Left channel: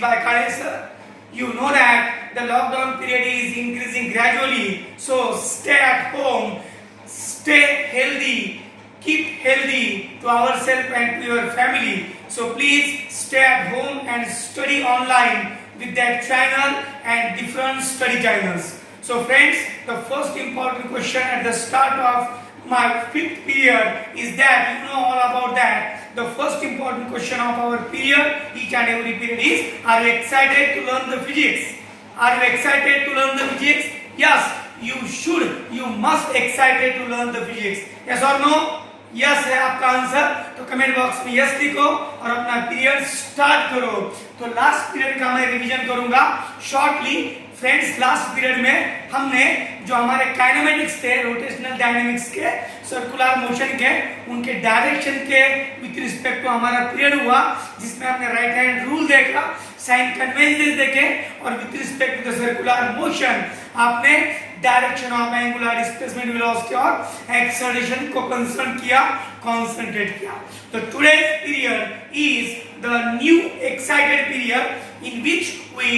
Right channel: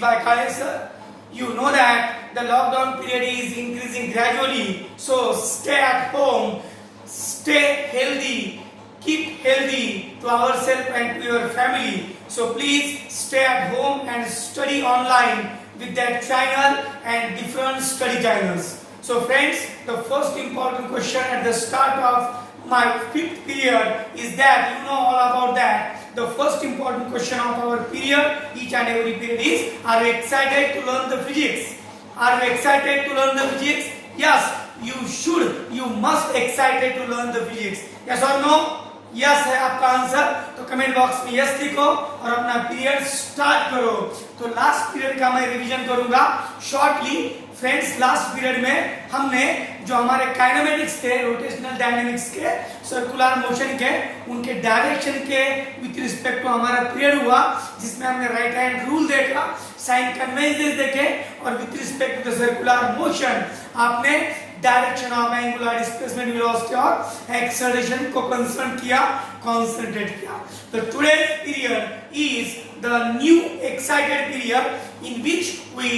by Kale sir. You know that the lockdown period is increasing gradually. So stay at home, stay healthy, keep healthy to ourselves and to your family. So please stay at home and study online with that channel and different study channels. So friends, the first important question at the start of my fifth period is that you know all about that. The first important question of our period, each and every period is, are you excited to learn the physics? Are you excited to learn the physics? Yes, you should, you must excited to learn the physics. Yes or no? Yes है आपका answer, तो comment box में yes लिखो और अपना period start करो। तो last period का मैं रिवीजन करूंगा शॉर्टली। फ्रेंड्स, लास्ट पीरियड में हमने जो हमारे काइनेमेटिक्स थे, रोटेशनल डायनेमिक्स के, सर्कुलर मोशन के, उनके डायरेक्शन के विथ रिस्पेक्ट टू हमारा पीरियड हुआ, जिसमें हमने राइट हैंड रूल देखा, साइन कन्वेंशंस देखे और with respect to the circular motion आपने direction of angular displacement, velocity और एक्सेलरेशन को कंसर्न किया, कंसंट्रेट किया। तो today's period is the new excited period in which we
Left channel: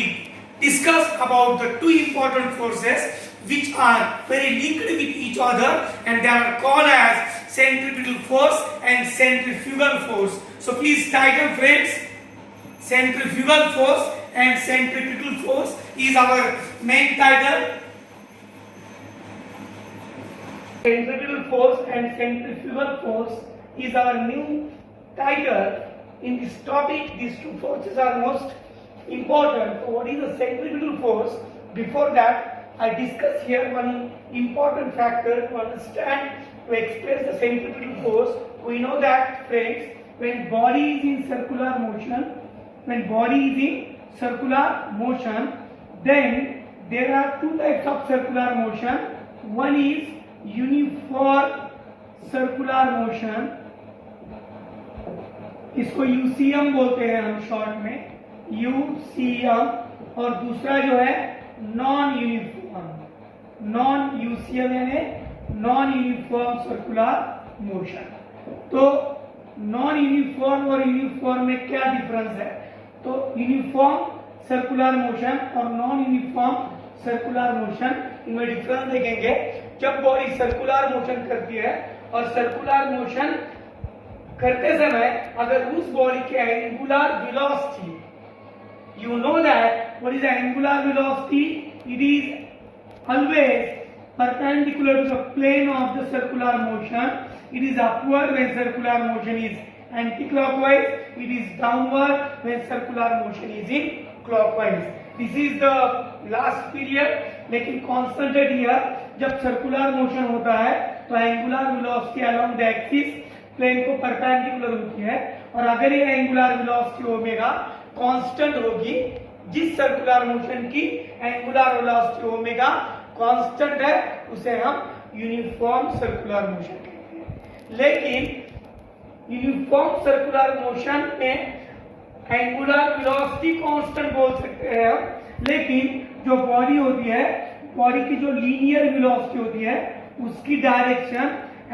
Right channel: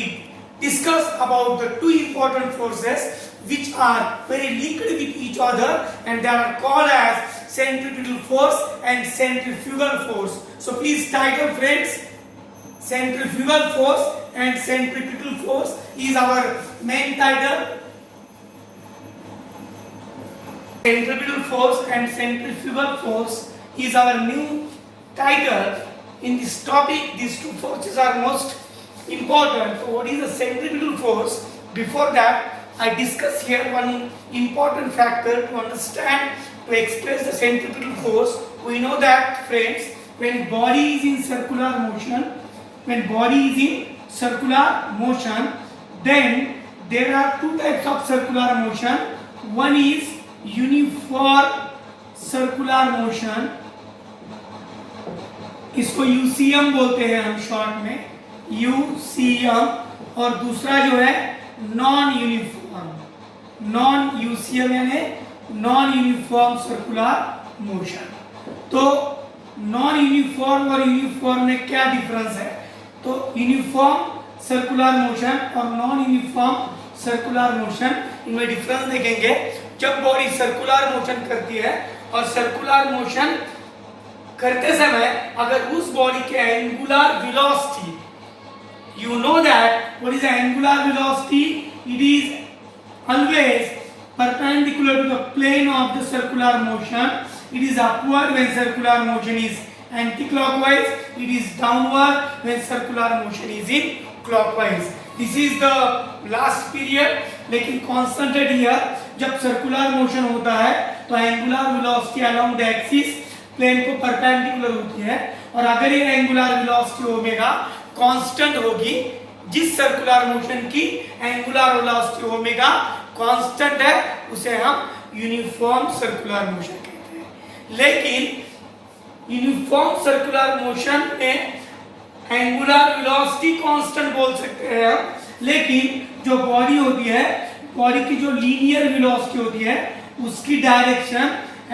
discuss about the two important forces which are very linked with each other, and they are called as centripetal force and centrifugal force. So please title friends, centrifugal force and centripetal force is our main title. Centripetal force and centrifugal force is our new title in this topic. These two forces are most important. So what is the centripetal force? Before that, I discuss here one important factor to understand, to express the centripetal force. We know that friends, when body is in circular motion, then there are two types of circular motion. One is uniform circular motion, इसको UCM बोलते हैं हम short में, UCM, और दूसरा जो है non uniform, non UCM यानी नॉन यूनिफॉर्म सर्कुलर मोशन। तो नॉन यूनिफॉर्म और यूनिफॉर्म में क्या डिफरेंस है? तो यूनिफॉर्म सर्कुलर मोशन और नॉन यूनिफॉर्म सर्कुलर मोशन, इनमें डिफरेंस देखेंगे। जब बॉडी सर्कुलर मोशन करती है और सर्कुलर मोशन करते समय अगर उस बॉडी के angular velocity, you know that what is the angular velocity? It is always perpendicular to the plane of the circular motion. It is upward when circular motion is anti-clockwise. It is downward when circular motion is in clockwise. This is the last period. लेकिन concentrate here, जब circular motion होता है तो angular velocity along the axis plane को perpendicular होती है, और अगर ये angular velocity ओमेगा कांस्टेंट होगी, जिस सर्कुलर मोशन की एंगुलर वेलोसिटी ओमेगा कांस्टेंट है, उसे हम यूनिफॉर्म सर्कुलर मोशन कहते हैं। लेकिन यूनिफॉर्म सर्कुलर मोशन में एंगुलर वेलोसिटी कांस्टेंट बोल सकते हैं हम, लेकिन जो बॉडी होती है, बॉडी की जो लीनियर वेलोसिटी होती है, उसकी डायरेक्शन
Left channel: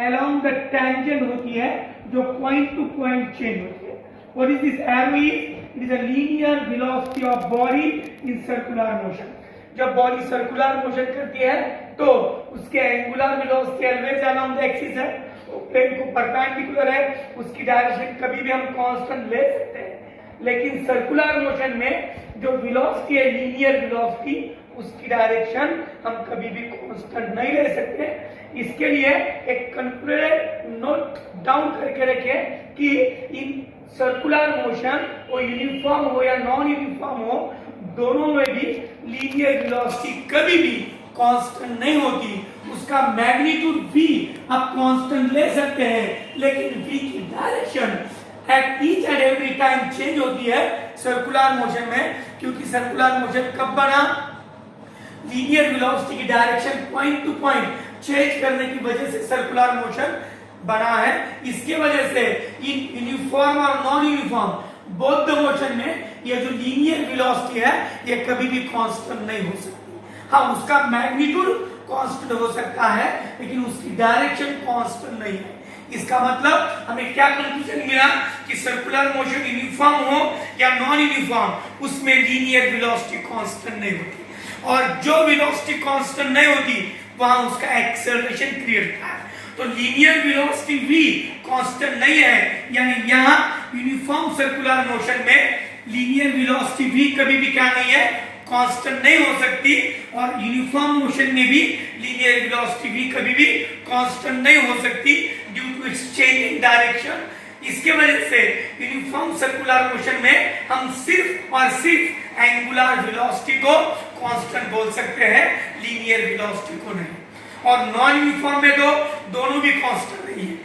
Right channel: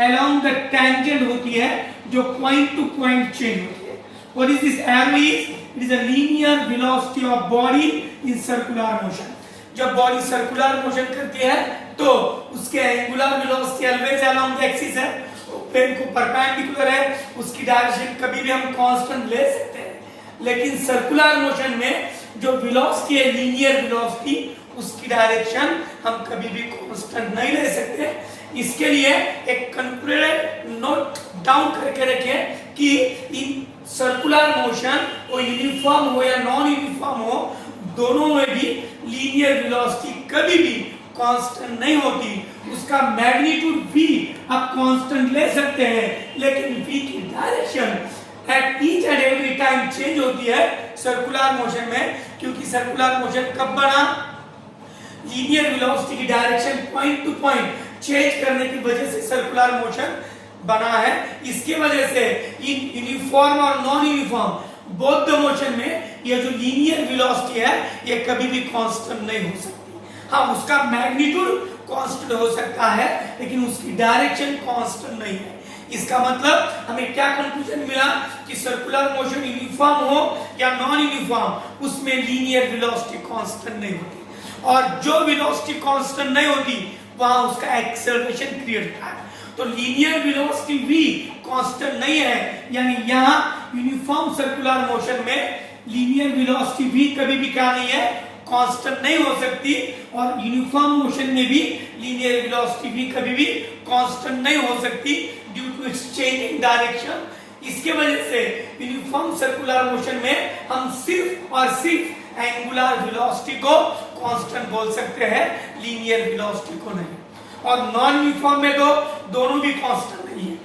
अलोंग द टेंजेंट होती है, जो पॉइंट टू पॉइंट चेंज होती है। What is this arrow? Is it is a linear velocity of body in circular motion. जब बॉडी सर्कुलर मोशन करती है तो उसके angular velocity always along the axis है, प्लेन को परपेंडिकुलर है, उसकी डायरेक्शन कभी भी हम कांस्टेंट ले सकते हैं। लेकिन सर्कुलर मोशन में जो वेलोसिटी है, लीनियर वेलोसिटी, उसकी डायरेक्शन हम कभी भी कांस्टेंट नहीं ले सकते। इसके लिए एक कंक्लूडेड नोट डाउन करके रखें कि इन सर्कुलर मोशन वो यूनिफॉर्म हो या नॉन यूनिफॉर्म हो, दोनों में भी लीनियर वेलोसिटी कभी भी कांस्टेंट नहीं होती। उसका मैग्नीट्यूड भी आप कांस्टेंट ले सकते हैं, लेकिन v की direction at each and every time change होती है सर्कुलर मोशन में, क्योंकि सर्कुलर मोशन कब बना? लीनियर वेलोसिटी की direction point two point change करने की वजह से सर्कुलर मोशन बना है। इसके वजह से इन यूनिफॉर्म और non uniform both the motion में ये जो लीनियर वेलोसिटी है, ये कभी भी कांस्टेंट नहीं हो सकती। हाँ, उसका मैग्नीट्यूड कांस्टेंट हो सकता है, लेकिन उसकी डायरेक्शन कांस्टेंट नहीं है। इसका मतलब हमें क्या कंक्लूजन मिला कि सर्कुलर मोशन यूनिफॉर्म हो या नॉन यूनिफॉर्म, उसमें लीनियर वेलोसिटी कांस्टेंट नहीं होती, और जो वेलोसिटी कांस्टेंट नहीं होती वहां उसका एक्सेलरेशन क्रिएट होता है। तो लीनियर वेलोसिटी भी कांस्टेंट नहीं है, यानी यहाँ यूनिफॉर्म सर्कुलर मोशन में लीनियर वेलोसिटी भी कभी भी क्या नहीं है, कांस्टेंट नहीं हो सकती, और यूनिफॉर्म मोशन में भी लीनियर वेलोसिटी भी कभी भी कांस्टेंट नहीं हो सकती due to its change in direction. इसके वजह से यूनिफॉर्म सर्कुलर मोशन में हम सिर्फ और सिर्फ एंगुलर वेलोसिटी को कांस्टेंट बोल सकते हैं, लीनियर वेलोसिटी को नहीं। और नॉन यूनिफॉर्म में तो दोनों भी कांस्टेंट नहीं है,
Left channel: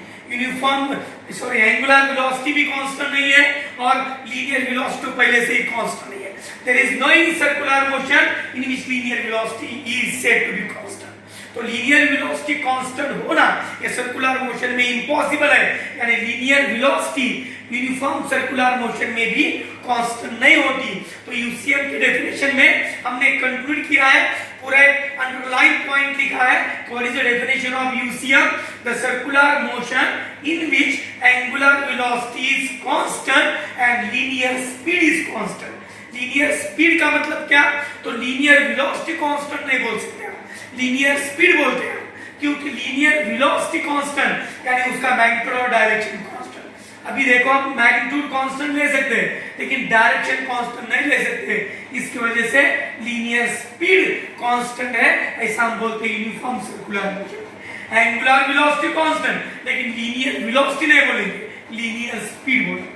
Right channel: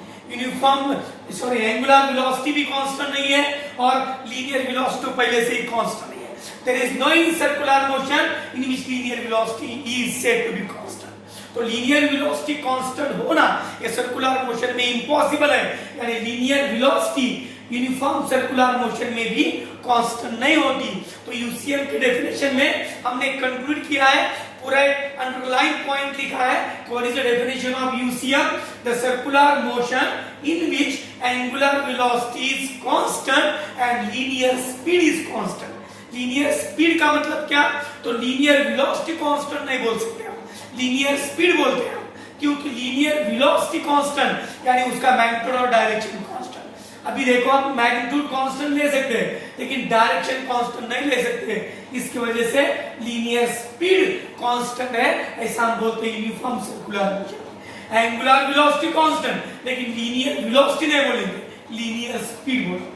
एंगुलर वेलोसिटी भी कांस्टेंट नहीं है और लीनियर वेलोसिटी पहले से ही कांस्टेंट नहीं है। There is no any circular motion in which linear velocity is said to be constant. तो लीनियर वेलोसिटी कांस्टेंट होना ये सर्कुलर मोशन में इम्पॉसिबल है, यानी linear velocity uniform circular motion में भी कांस्टेंट नहीं होती। तो यूसीएम की डेफिनेशन में हमने कंक्लूड किया है, पूरा एक अंडरलाइन पॉइंट लिखा है, what is the definition of UCM, the circular motion in which angular velocity is constant and linear speed is constant. Linear speed का मतलब क्या, तो लीनियर वेलोसिटी कांस्टेंट नहीं बोल सकते हम, लीनियर स्पीड बोलते हैं, क्योंकि लीनियर वेलोसिटी कांस्टेंट यानी उसका मैग्नीट्यूड और डायरेक्शन कांस्टेंट। अभी देखो आप मैग्नीट्यूड कांस्टेंट ले सकते हैं लेकिन डायरेक्शन कांस्टेंट नहीं ले सकते, इसकी वजह से लीनियर स्पीड कांस्टेंट है, ऐसा हम बोलते हैं uniform circular motion. Angular velocity constant लेकिन लीनियर वेलोसिटी नहीं बोलेंगे, लीनियर स्पीड बोलेंगे।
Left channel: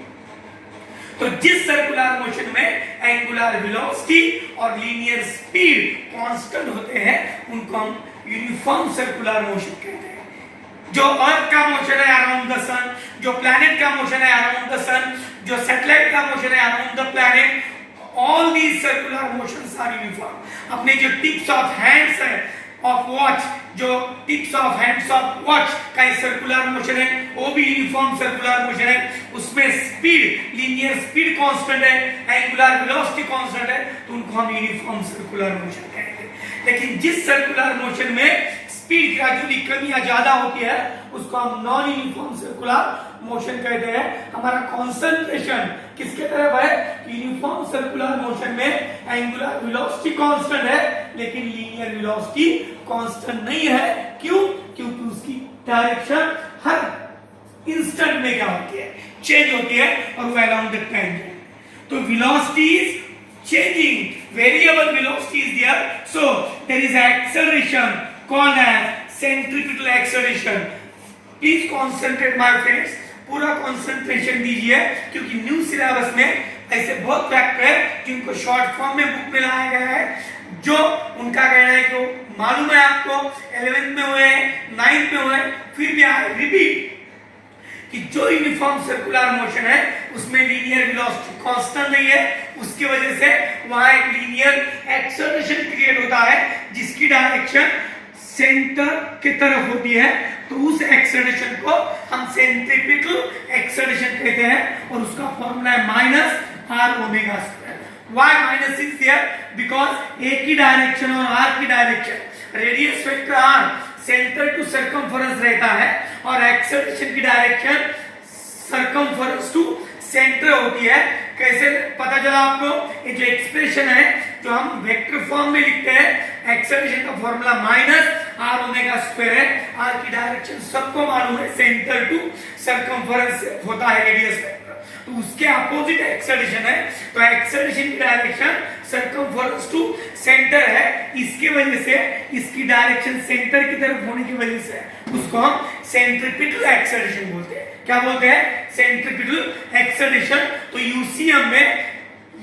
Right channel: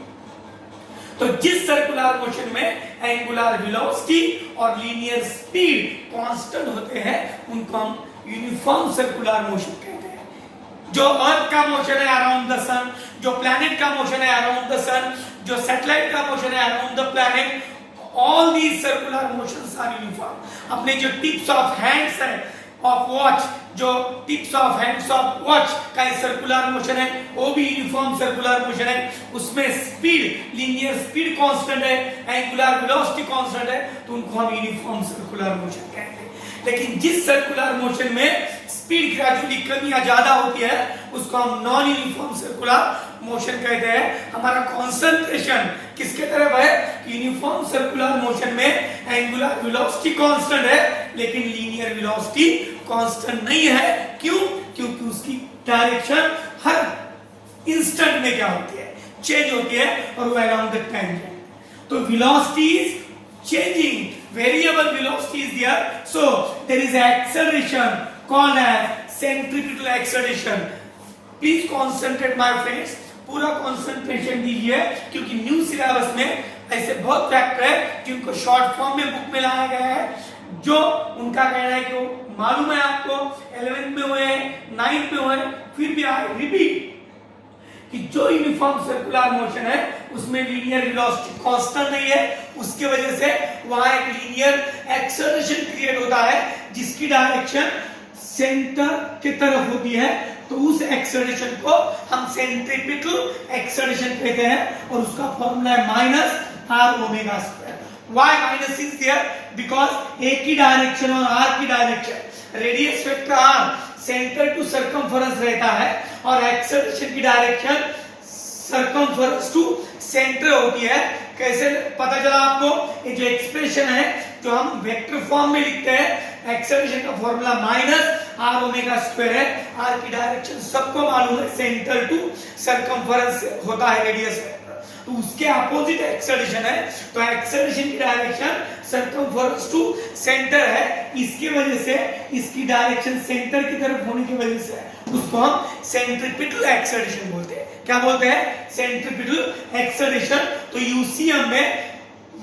तो जिस सर्कुलर मोशन में एंगुलर वेलोसिटी और लीनियर स्पीड कांस्टेंट होते हैं उनको हम यूनिफॉर्म सर्कुलर मोशन कहते हैं। जो अर्थ का मोशन है अराउंड द सन, जो प्लैनेट का मोशन है अराउंड द सन, जो सैटेलाइट का मोशन है around the planet, all these circular motions are uniform. अपने जो टिप्स ऑफ हैंड्स है ऑफ वॉच, जो tips of hands of watch का सर्कुलर मोशन है वो भी यूनिफॉर्म सर्कुलर मोशन है, उसमें स्पीड लीनियर स्पीड कांस्टेंट है, एंगुलर वेलोसिटी कांस्टेंट है, तो उनको हम यूनिफॉर्म सर्कुलर मोशन कहेंगे। लेकिन जिस सर्कुलर मोशन में स्पीड ग्रेजुअली कम या ज्यादा होती है उसको हम नॉन यूनिफॉर्म सर्कुलर मोशन कहते हैं। हमारा कंसंट्रेशन किसके तरफ है, यूनिफॉर्म सर्कुलर मोशन में एंगुलर वेलोसिटी कांस्टेंट है लेकिन लीनियर वेलोसिटी कांस्टेंट नहीं है। क्यों, क्योंकि उसकी डायरेक्शन हर इंस्टेंट में क्या होती है, चेंज होती है, और वो अराउंड द टेंजेंट। तो velocity is changing, variable velocity is there, so there is acceleration called as centripetal acceleration. Please concentrate my friends, पूरा कंसंट्रेशन दीजिए क्योंकि न्यू सिलेबस में ऐसे बहुत फैक्टर है जिनको शॉर्ट फॉर्म में बुक में लाया गया है, जो उनका कहना है कि मालूम है आपको 11th में हुए, 9th में हुए, फिर भी आई रिपीट कि जो यूनिफॉर्म सर्कुलर मोशन है उसमें लीनियर वेलोसिटी कांस्टेंट नहीं है, उसकी वजह से वहां एक लीनियर एक्सेलरेशन क्रिएट होता है जिसकी डायरेक्शन सेंटर की तरफ होती है। तो उस एक्सेलरेशन को हम सेंट्रीपिटल एक्सेलरेशन कहते हैं और उसका फॉर्मूला है minus are omega square. Why minus is there, because A की डायरेक्शन और आर की direction radius vector R centre to circumference रहता है और एक्सेलरेशन की डायरेक्शन सरकमफेरेंस टू सेंटर होती है। कैसे पता चला आपको, ये जो एक्सप्रेशन है जो हम वेक्टर फॉर्म में लिखते हैं, एक्सेलरेशन का formula minus are omega square है। आर की डायरेक्शन सबको मालूम है, सेंटर टू सरकमफेरेंस होता है रेडियस वेक्टर, तो उसके अपोजिट एक्सेलरेशन है। तो एक्सेलरेशन की डायरेक्शन सरकमफेरेंस टू सेंटर है, इसकी वजह से इसकी डायरेक्शन सेंटर की तरफ होने की वजह से उसको हम सेंट्रीपिटल एक्सेलरेशन बोलते हैं। क्या बोलते हैं, सेंट्रीपिटल एक्सेलरेशन। तो यूसीएम में,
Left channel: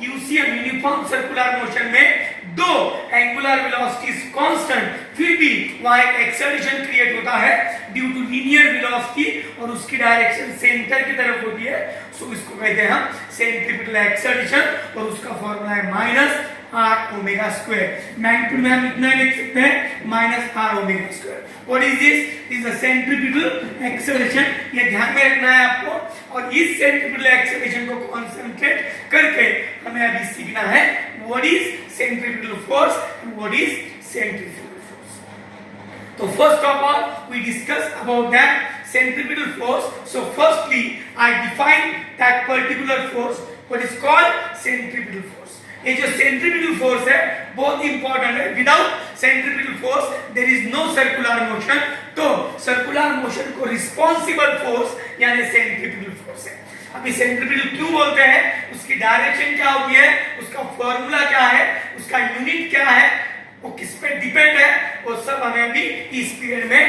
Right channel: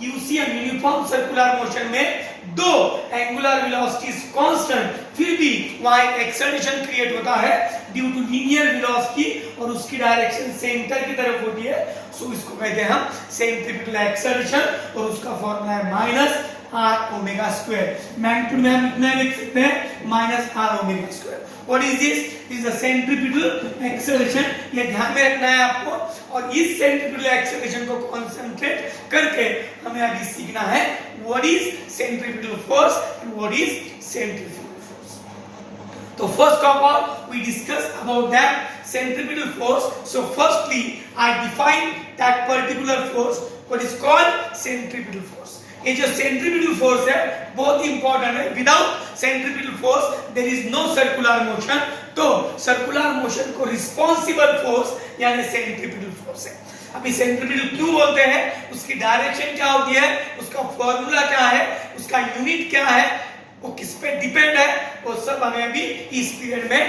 यूसीएम यूनिफॉर्म सर्कुलर मोशन में दो एंगुलर वेलोसिटीज कांस्टेंट, फिर भी वहां एक एक्सेलरेशन क्रिएट होता है ड्यू टू लीनियर वेलोसिटी और उसकी डायरेक्शन सेंटर की तरफ होती है, सो इसको कहते हैं हम सेंट्रीपिटल एक्सेलरेशन और उसका फॉर्मूला है minus are omega square. Magnitude में हम इतना लिख सकते हैं minus are omega square. What is this, is a centripetal acceleration, ये ध्यान में रखना है आपको। और इस सेंट्रीपिटल एक्सेलरेशन को कंसंट्रेट करके हमें अभी सीखना है what is centripetal force and what is centrifugal force. तो first of all we discuss about that centripetal force. So firstly I define that particular force, what is called centripetal force. ये जो centripetal force है बहुत important है. Without centripetal force there is no circular motion. तो circular motion को responsible force यानी centripetal force है. अभी सेंट्रीपिटल क्यों बोलते हैं, उसकी डायरेक्शन क्या होती है, उसका फॉर्मूला क्या है, उसका यूनिट क्या है, वो किस पे डिपेंड है, वो सब हमें अभी इस पीरियड में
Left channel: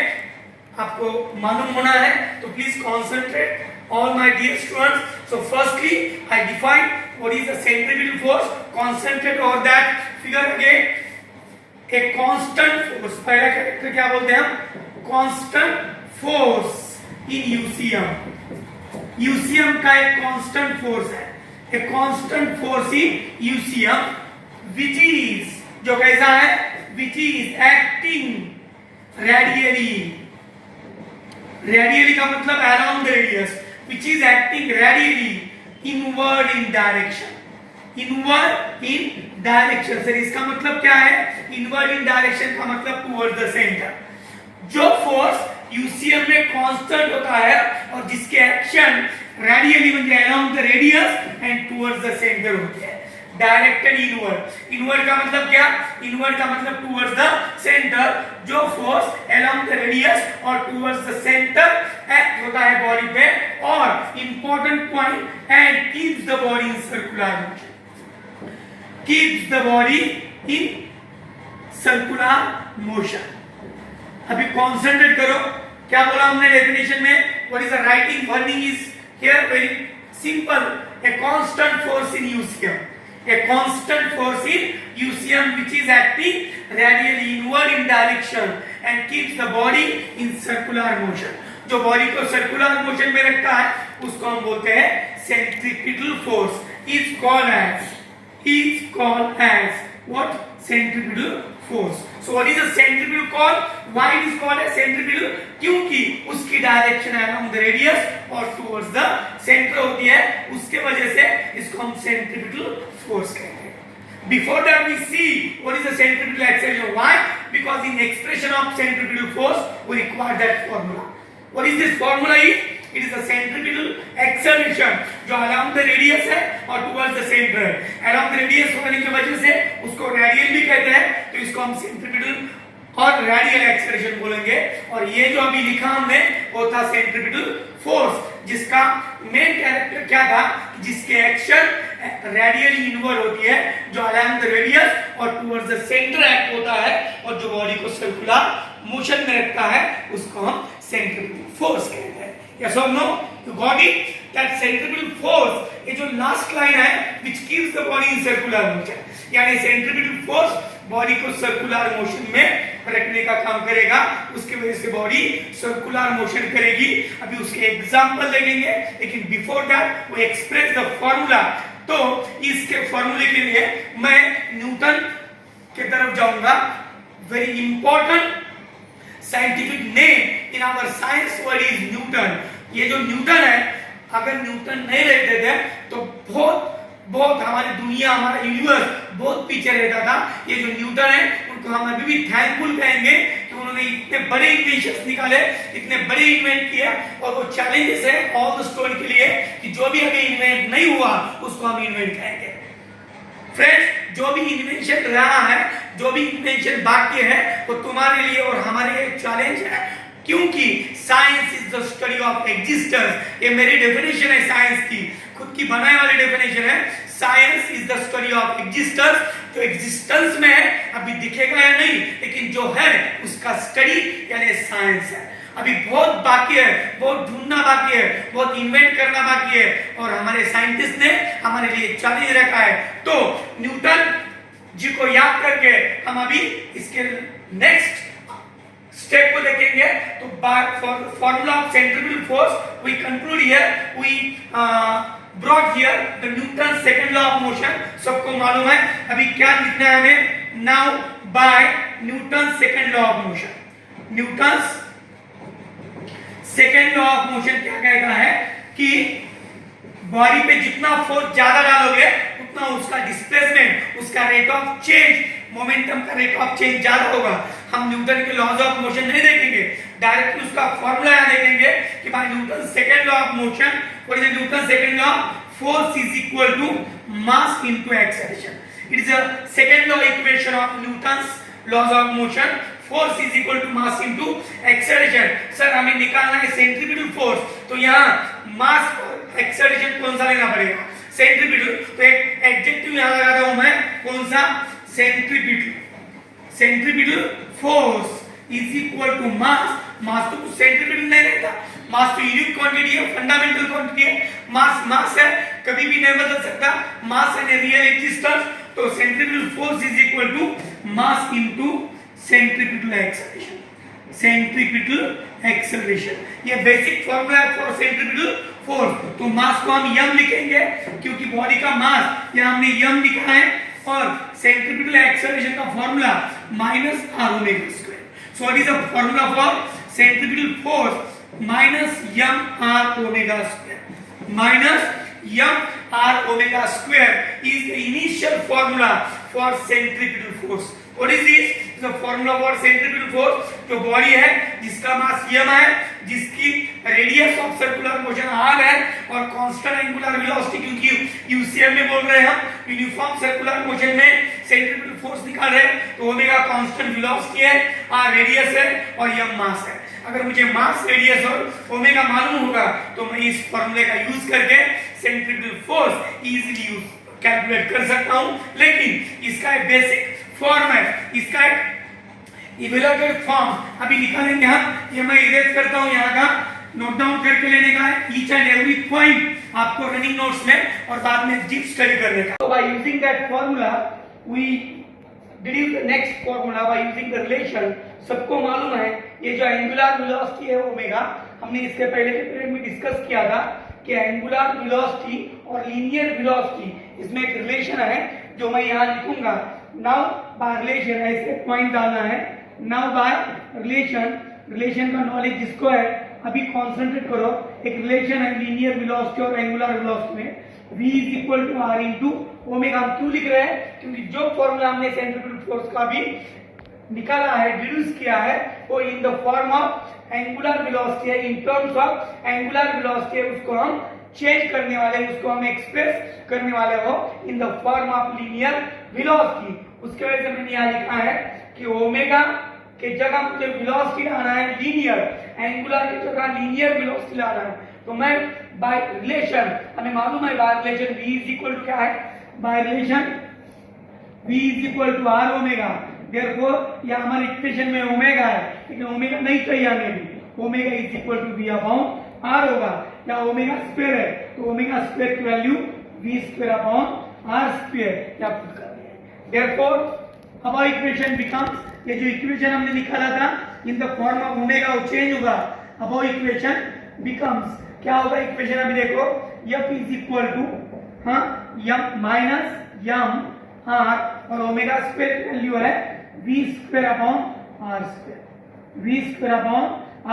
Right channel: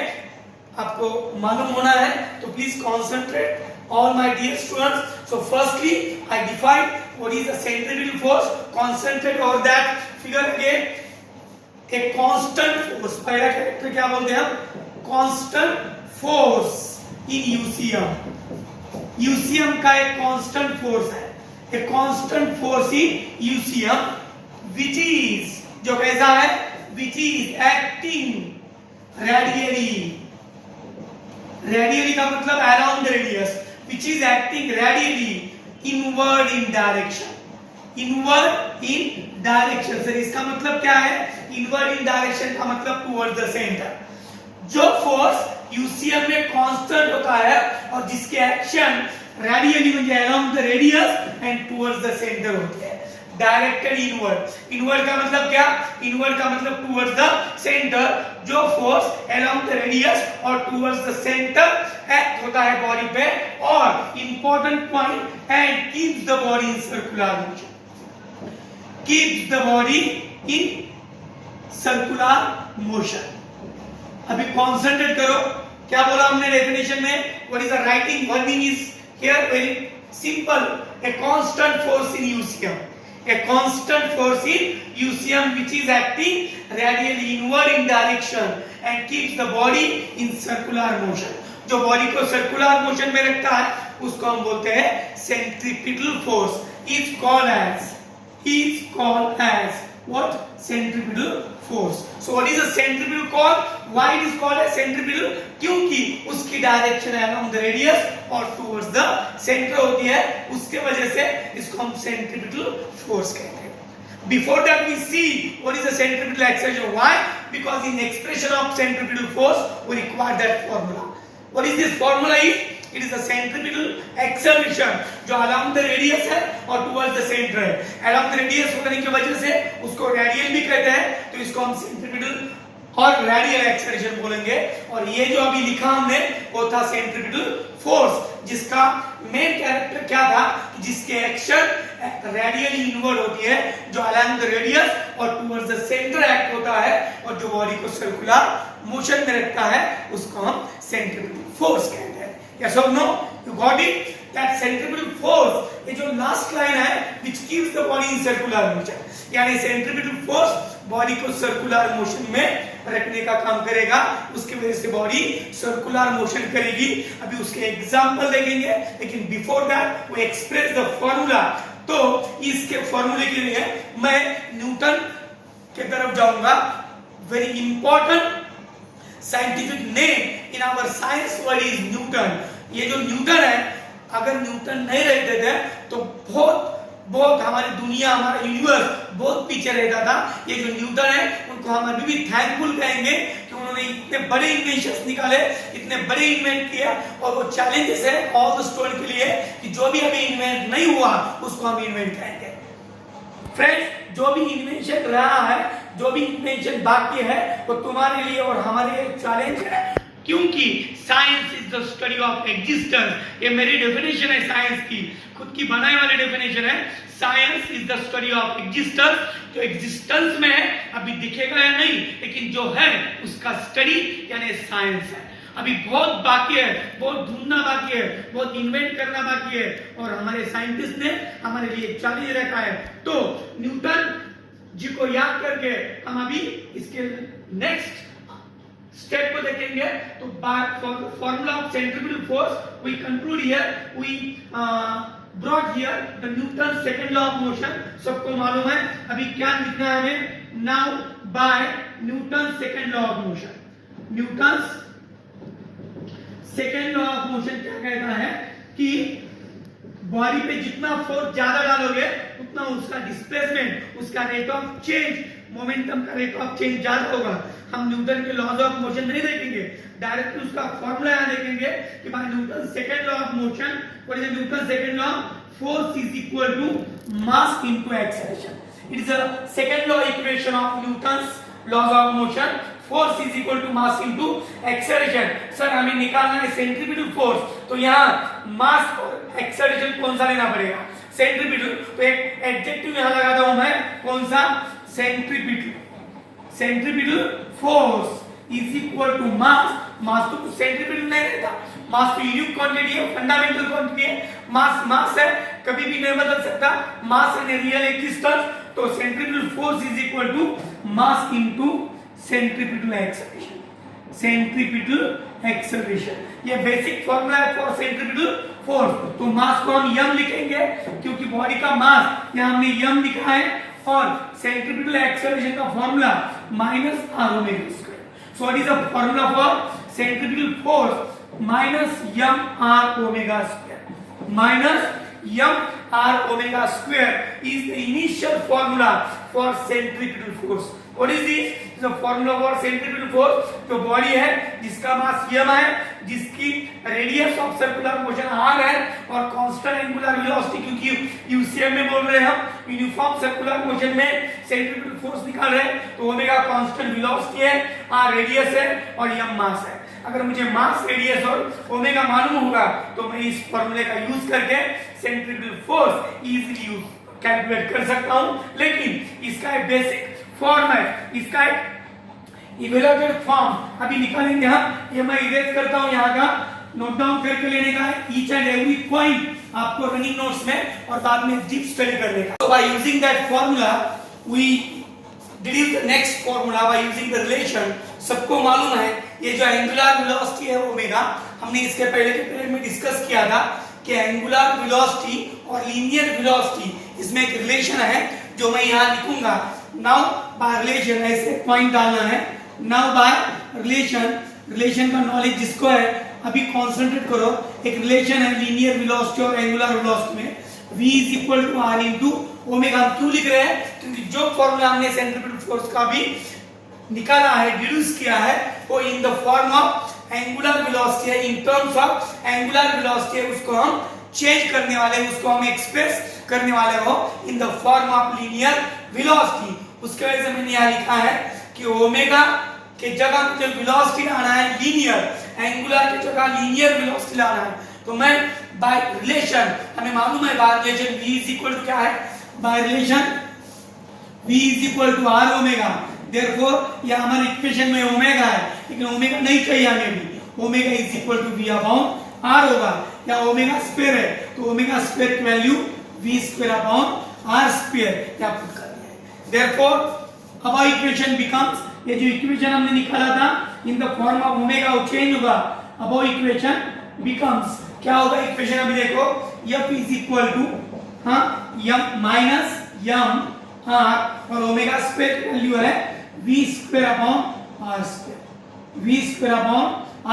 आपको मालूम होना है. तो please concentrate all my dear students. So firstly I define what is the centripetal force. Concentrate on that figure again. A constant force, पहला कैरेक्टर क्या बोलते हैं हम, constant force in UCM. UCM का एक कांस्टेंट फोर्स है, a constant force in UCM which is, जो कैसा है, which is acting radially. Radially का मतलब around the radius. Which is acting radially inward in direction. Inward in direction. Sir इसका मतलब क्या है, इनवर्ड इन डायरेक्शन का मतलब टुवर्ड्स द सेंटर. जो फोर्स यूसीएम में कांस्टेंट होता है और जिसके एक्शन रेडियली म्हणजे around the radius and towards the centre होती है, डायरेक्टेड इनवर्ड. इनवर्ड का मतलब क्या, इनवर्ड का मतलब टुवर्ड्स द सेंटर. जो फोर्स अराउंड द रेडियस और टुवर्ड्स द सेंटर एक्ट होता है बॉडी पे, और important point, and keeps the body in circular motion. Keeps the body in circular motion. अभी कॉन्सेंट्रेट करो, क्या बोला हमने डेफिनेशन में, what is the writing burning is here very simple. A constant force in UCM, a constant force in UCM which is acting radially inward in direction and keeps the body in circular motion. जो body को circular motion में रखता है उसको हम बोलते हैं centripetal force. is called as what, centripetal force. So what is a centripetal called? Why it is called as centripetal? क्योंकि उसकी डायरेक्शन along the radius और towards the center होती है, उसके वजह से इसको हम centripetal force कहते हैं. Before that we see what is the centripetal acceleration. Why? Because in expression of centripetal force we require that formula. What is this formula is? It is a centripetal acceleration जो along the radius है और towards the center है. along the radius होने की वजह से उसको radial भी कहते हैं, तो इसको हम सेंट्रीपिटल और रेडियल एक्सेलरेशन बोलेंगे. और ये जो अभी लिखा हमने वो था सेंट्रीपिटल फोर्स, जिसका मेन कैरेक्टर क्या था, जिसके एक्शन रेडियली इनवर्ड होती है, जो along the radius और towards the center एक्ट होता है और जो बॉडी को सर्कुलर मोशन में रखता है, उसको हम सेंट्रीपिटल फोर्स कहते हैं. Yes or no? You got it? That centripetal force, ये जो लास्ट लाइन है, which keeps the body in circular motion. यानी centripetal force बॉडी को सर्कुलर मोशन में रखने का काम करेगा, उसके वजह से बॉडी सर्कुलर मोशन करेगी. अभी उसके एग्जांपल देखेंगे, लेकिन बिफोर दैट वो एक्सप्रेस द फॉर्मूला. तो इसके फॉर्मूले के लिए मैं न्यूटन के तरफ जाऊंगा. Very important scientific name in our science word is Newton. ये जो न्यूटन है, अगर न्यूटन नहीं रहते थे तो बहुत हमारी दुनिया, हमारा यूनिवर्स बहुत पीछे रहता था. ये जो न्यूटन है उनको हम अभी भी थैंकफुल कहेंगे कि उन्होंने इतने बड़े इन्वेंशंस निकाले, इतने बड़े इन्वेंट किए. और वो चैलेंजेस है ऑल द स्टूडेंट के लिए कि जो भी अभी इन्वेंट नहीं हुआ उसको हम इन्वेंट कहेंगे. फ्रेंड्स, जो भी इन्वेंशन रहा है, जो भी इन्वेंशन बाकी है, वो तुम्हारे लिए और हमारे लिए चैलेंज है, क्योंकि science is the study of existence. ये मेरी डेफिनेशन है साइंस की, खुद की बनाई वाली डेफिनेशन है. Science is the study of existence. जो एग्जिस्टेंस में है अभी दिखेगा या नहीं, लेकिन जो है उसका स्टडी यानी साइंस है. अभी बहुत बाकी है, बहुत ढूंढना बाकी है, बहुत इन्वेंट करना बाकी है, और हमारे साइंटिस्ट ने हमारे लिए चैलेंज रखा है. तो न्यूटन जी को याद करके हम अभी इसके नेक्स्ट स्टेप को देखेंगे. तो formula of centripetal force we conclude here, we brought here the Newton second law of motion. सबको मालूम है. अभी क्या लिखना है हमें, now by Newton second law of motion. Newton second law of motion क्या कहता है कि बॉडी पे जितना फोर्स ज्यादा डालोगे उतना उसका डिस्प्लेसमेंट, उसका रेट ऑफ चेंज मोमेंटम का रेट ऑफ चेंज ज्यादा होगा, हम न्यूटन के लॉज ऑफ मोशन नहीं देखेंगे, डायरेक्टली उसका फॉर्मूला यहाँ देखेंगे कि by Newton second law of motion, what is Newton second law? Force is equal to mass into acceleration. It is a second law equation of Newton's laws of motion. Force is equal to mass into acceleration. Sir हमें निकालना है centripetal force, तो यहाँ मास और acceleration कौन सा लेना पड़ेगा? सेंट्रीपिटल. तो एक एडजेक्टिव यहाँ लगाता हूं मैं, कौन सा? Centripetal. Centripetal force is equal to mass. Mass तो सेंट्रीपिटल नहीं रहता, मास तो यूनिट क्वांटिटी है, फंडामेंटल क्वांटिटी है. मास है, कभी भी नहीं बदल सकता. Mass and real existence. तो centripetal force is equal to mass into centripetal acceleration. Centripetal acceleration ये बेसिक फॉर्मूला है फॉर सेंट्रीपिटल फोर्स. तो मास को हम m लिखेंगे क्योंकि बॉडी का मास यहाँ हमने m लिखा है, और सेंट्रीपिटल एक्सेलरेशन का formula minus r omega square. So what is the formula for centripetal force? Minus m r omega square. Minus m r omega square is the initial formula for centripetal force. What is this? This is the formula for centripetal force. जो body है जिसका मास m है, जिसकी radius of circular motion r है, और constant angular velocity, क्योंकि UCM में बोल रहे हैं हम, यूनिफॉर्म सर्कुलर मोशन में सेंट्रिपिटल फोर्स निकाल रहे हैं, तो ओमेगा कांस्टेंट वेलोसिटी है, r रेडियस है और m मास है. अगर मुझे मास, रेडियस और ओमेगा मालूम होगा तो मैं इस फॉर्मूले का यूज करके centripetal force easily use calculate कर सकता हूं. लेकिन इसका एक बेसिक फॉर्म है, इसका एक इवैल्यूएटेड फॉर्म अभी निकालेंगे हम. ये मैं इरेज करता हूं, यहाँ का नोट डाउन करके लेने का है, ईच एंड एवरी पॉइंट आपको रनिंग नोट्स में, और बाद में डीप स्टडी करने का. So by using that formula we deduce the next formula by using the relation. सबको मालूम है ये जो एंगुलर वेलोसिटी है ओमेगा, हमने इसके पहले के पीरियड में डिस्कस किया था कि एंगुलर वेलोसिटी और लीनियर वेलोसिटी इसमें एक रिलेशन है जो मैं यहाँ लिखूंगा. नाउ बाय रिलेशन ऐसे पॉइंट डालना है. नाउ बाय रिलेशन, रिलेशन का नॉलेज जिसको है अभी कॉन्सेंट्रेट करो. एक रिलेशन है लीनियर वेलोसिटी और एंगुलर वेलोसिटी में, v is equal to r into omega. हम क्यों लिख रहे हैं? क्योंकि जो फॉर्मूला हमने सेंट्रिपिटल फोर्स का भी निकाला है, डिड्यूस किया है, वो in the form of angular velocity है, in terms of angular velocity है. उसको हम चेंज करने वाले, उसको हम एक्सप्रेस करने वाले हो इन the form of linear velocity. उसके वजह से मैंने यहाँ लिखा है कि ओमेगा के जगह मुझे वेलोसिटी लाना है लीनियर, एंगुलर के जगह लीनियर वेलोसिटी लाना है. तो मैं बाय रिलेशन, हमें मालूम है by relation v is equal to क्या है? By relation v is equal to r omega. Therefore ये हमारे इक्वेशन में ओमेगा है, लेकिन ओमेगा नहीं चाहिए हमें भी. Omega is equal to v upon r होगा. या ओमेगा स्क्वायर है तो ओमेगा स्क्वायर की value v square upon r square या पुट कर दिया है. देयरफॉर अब इक्वेशन बिकम्स, ये जो इक्वेशन हमने निकाला था इन द फॉर्म ऑफ ओमेगा वो चेंज होगा. अब इक्वेशन बिकम्स क्या होगा? इक्वेशन अभी देखो, f is equal to m minus m r और ओमेगा स्क्वायर की वैल्यू है v square upon r square. v square upon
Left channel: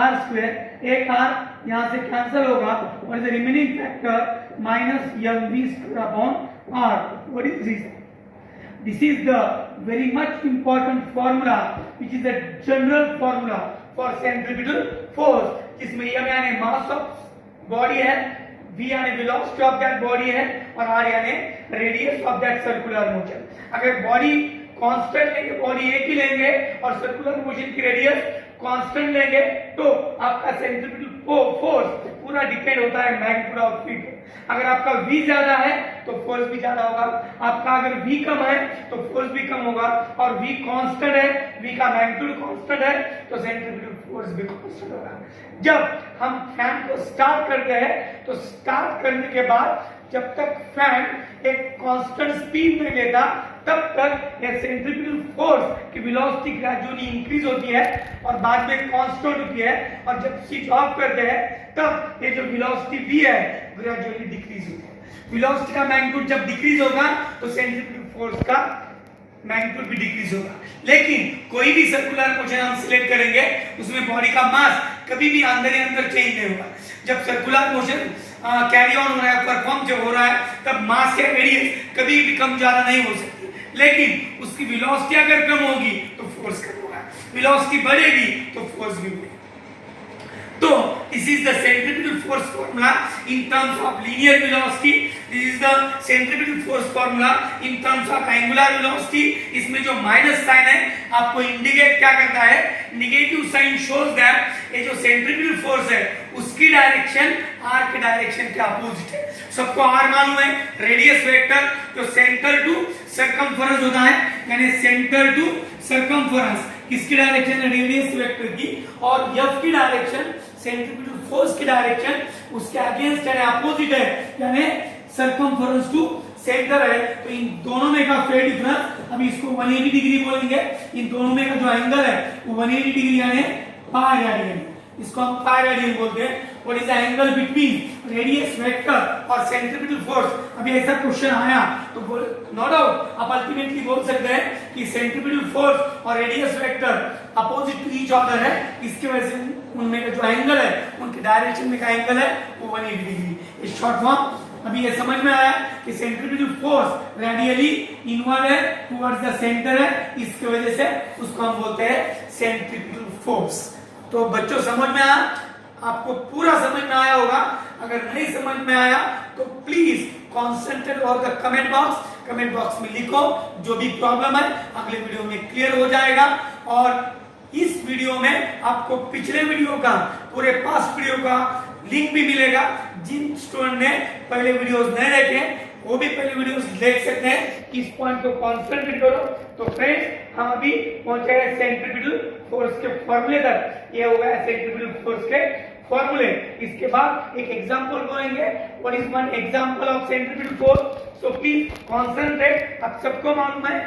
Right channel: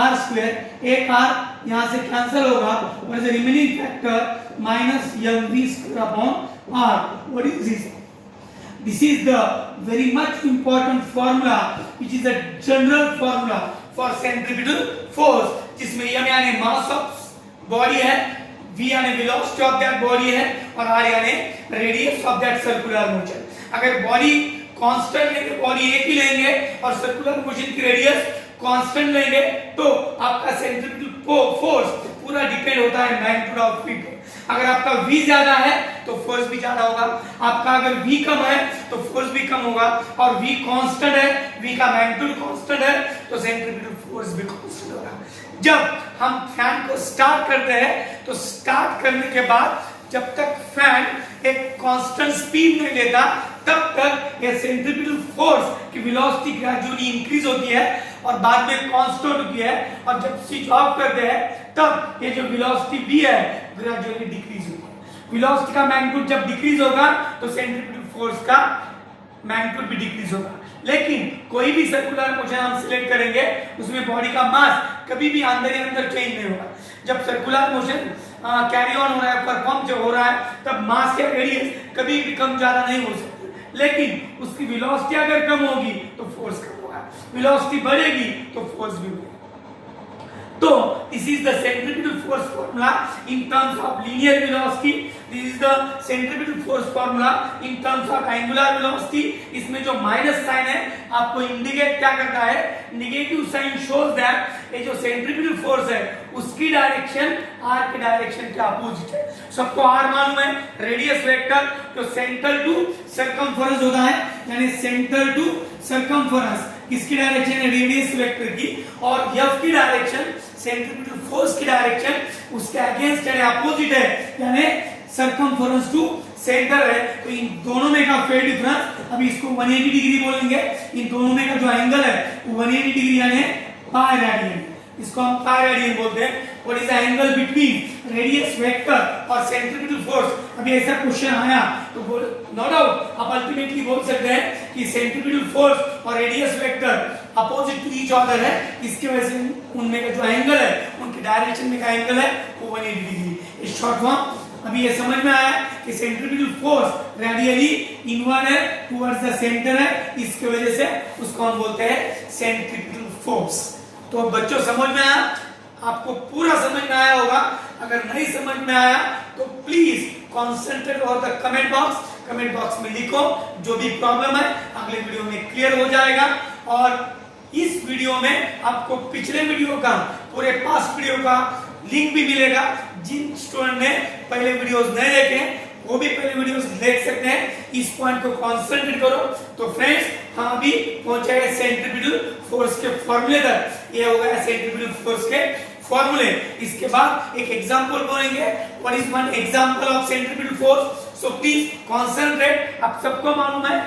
r square, एक r यहां से कैंसिल होगा और the remaining factor minus mv square upon r. What is this? This is the very much important formula which is a general formula for centripetal force, जिसमें m यानी mass of body है, v यानी velocity of that body है, और r यानी radius of that circular motion. अगर body constant लेंगे, body एक ही लेंगे और सर्कुलर मोशन की रेडियस कांस्टेंट लेंगे, तो आपका सेंट्रिपिटल फोर्स पूरा डिपेंड होता है मैग्नीट्यूड ऑफ v पे. अगर आपका v ज्यादा है तो फोर्स भी ज्यादा होगा, आपका अगर v कम है तो फोर्स भी कम होगा, और v कांस्टेंट है, v का मैग्नीट्यूड कांस्टेंट है, तो सेंट्रिपिटल फोर्स भी कांस्टेंट होगा. जब हम फैन को स्टार्ट करते हैं तो स्टार्ट करने के बाद जब तक फैन एक कांस्टेंट स्पीड नहीं लेता तब तक ये सेंट्रिपिटल फोर्स की वेलोसिटी ग्रेजुअली इंक्रीज होती है और बाद में कांस्टेंट होती है, और जब स्विच ऑफ करते हैं तब ये जो वेलोसिटी v है ग्रेजुअली डिक्रीज होती है. वेलोसिटी का मैग्नीट्यूड जब डिक्रीज होगा तो सेंट्रिपिटल फोर्स का मैग्नीट्यूड भी डिक्रीज होगा. लेकिन कोई भी सर्कुलर मोशन हम सिलेक्ट करेंगे उसमें बॉडी का मास कभी भी अंदर ही अंदर चेंज नहीं होगा. जब सर्कुलर मोशन कैरी ऑन हो रहा है, परफॉर्म जो हो रहा है, तब मास या रेडियस कभी भी कम ज्यादा नहीं हो सकती. लेकिन उसकी वेलोसिटी अगर कम होगी तो फोर्स कम होगा, वेलोसिटी बढ़ेगी तो फोर्स भी बढ़ेगा। तो this is the centripetal force formula in terms of linear velocity, this is the centripetal force formula in terms of angular velocity। इसमें जो माइनस साइन है आपको इंडिकेट क्या करता है, नेगेटिव साइन शोज दैट ये जो सेंट्रिपिटल फोर्स है उसकी डायरेक्शन आर के डायरेक्शन के अपोजिट है। सबको आर मालूम है, रेडियस वेक्टर जो सेंटर टू सर्कमफेरेंस होता है, यानी सेंटर टू सर्कमफेरेंस किसकी डायरेक्शन है, रेडियस वेक्टर की, और एफ की डायरेक्शन सेंट्रिपिटल फोर्स की डायरेक्शन उसके अगेंस्ट है, अपोजिट है, यानी सर्कमफेरेंस टू सेंटर है। तो इन दोनों में का फेज डिफरेंस, अभी इसको 180 डिग्री बोलेंगे, इन दोनों में का जो एंगल है वो 180 डिग्री यानी पाई रेडियन, इसको हम पाई रेडियन बोलते हैं। What is the angle between radius vector और सेंट्रिपिटल फोर्स? अभी ऐसा क्वेश्चन आया तो नो डाउट आप अल्टीमेटली बोल सकते हैं कि सेंट्रिपिटल फोर्स और radius vector opposite to each other है, इसकी वजह से उनमें का जो एंगल है उनके डायरेक्शन में का एंगल है वो 180 डिग्री। इस शॉर्ट फॉर्म अभी ये समझ में आया कि सेंट्रिपिटल फोर्स रेडियली इनवर्ड है, टुवर्ड्स द सेंटर है, इसकी वजह से उसको हम बोलते हैं सेंट्रिपिटल फोर्स। तो बच्चों समझ में आया, आपको पूरा समझ में आया होगा। अगर नहीं समझ में आया तो please concentrate on the comment box, comment box में लिखो जो भी प्रॉब्लम है, अगले वीडियो में क्लियर हो जाएगा। और इस वीडियो में आपको पिछले वीडियो का, पूरे पास्ट वीडियो का लिंक भी मिलेगा। जिन स्टूडेंट ने पहले वीडियोस नहीं देखे वो भी पहले वीडियोस देख सकते हैं। इस पॉइंट को कॉन्सेंट्रेट करो। तो फ्रेंड्स हम अभी पहुंचे हैं सेंट्रिपिटल फोर्स के फॉर्मूले तक। ये हो गया सेंट्रिपिटल फोर्स के फॉर्मूले। इसके बाद एक एग्जांपल बोलेंगे, what is one example of centripetal force. So please concentrate. आप सबको मालूम है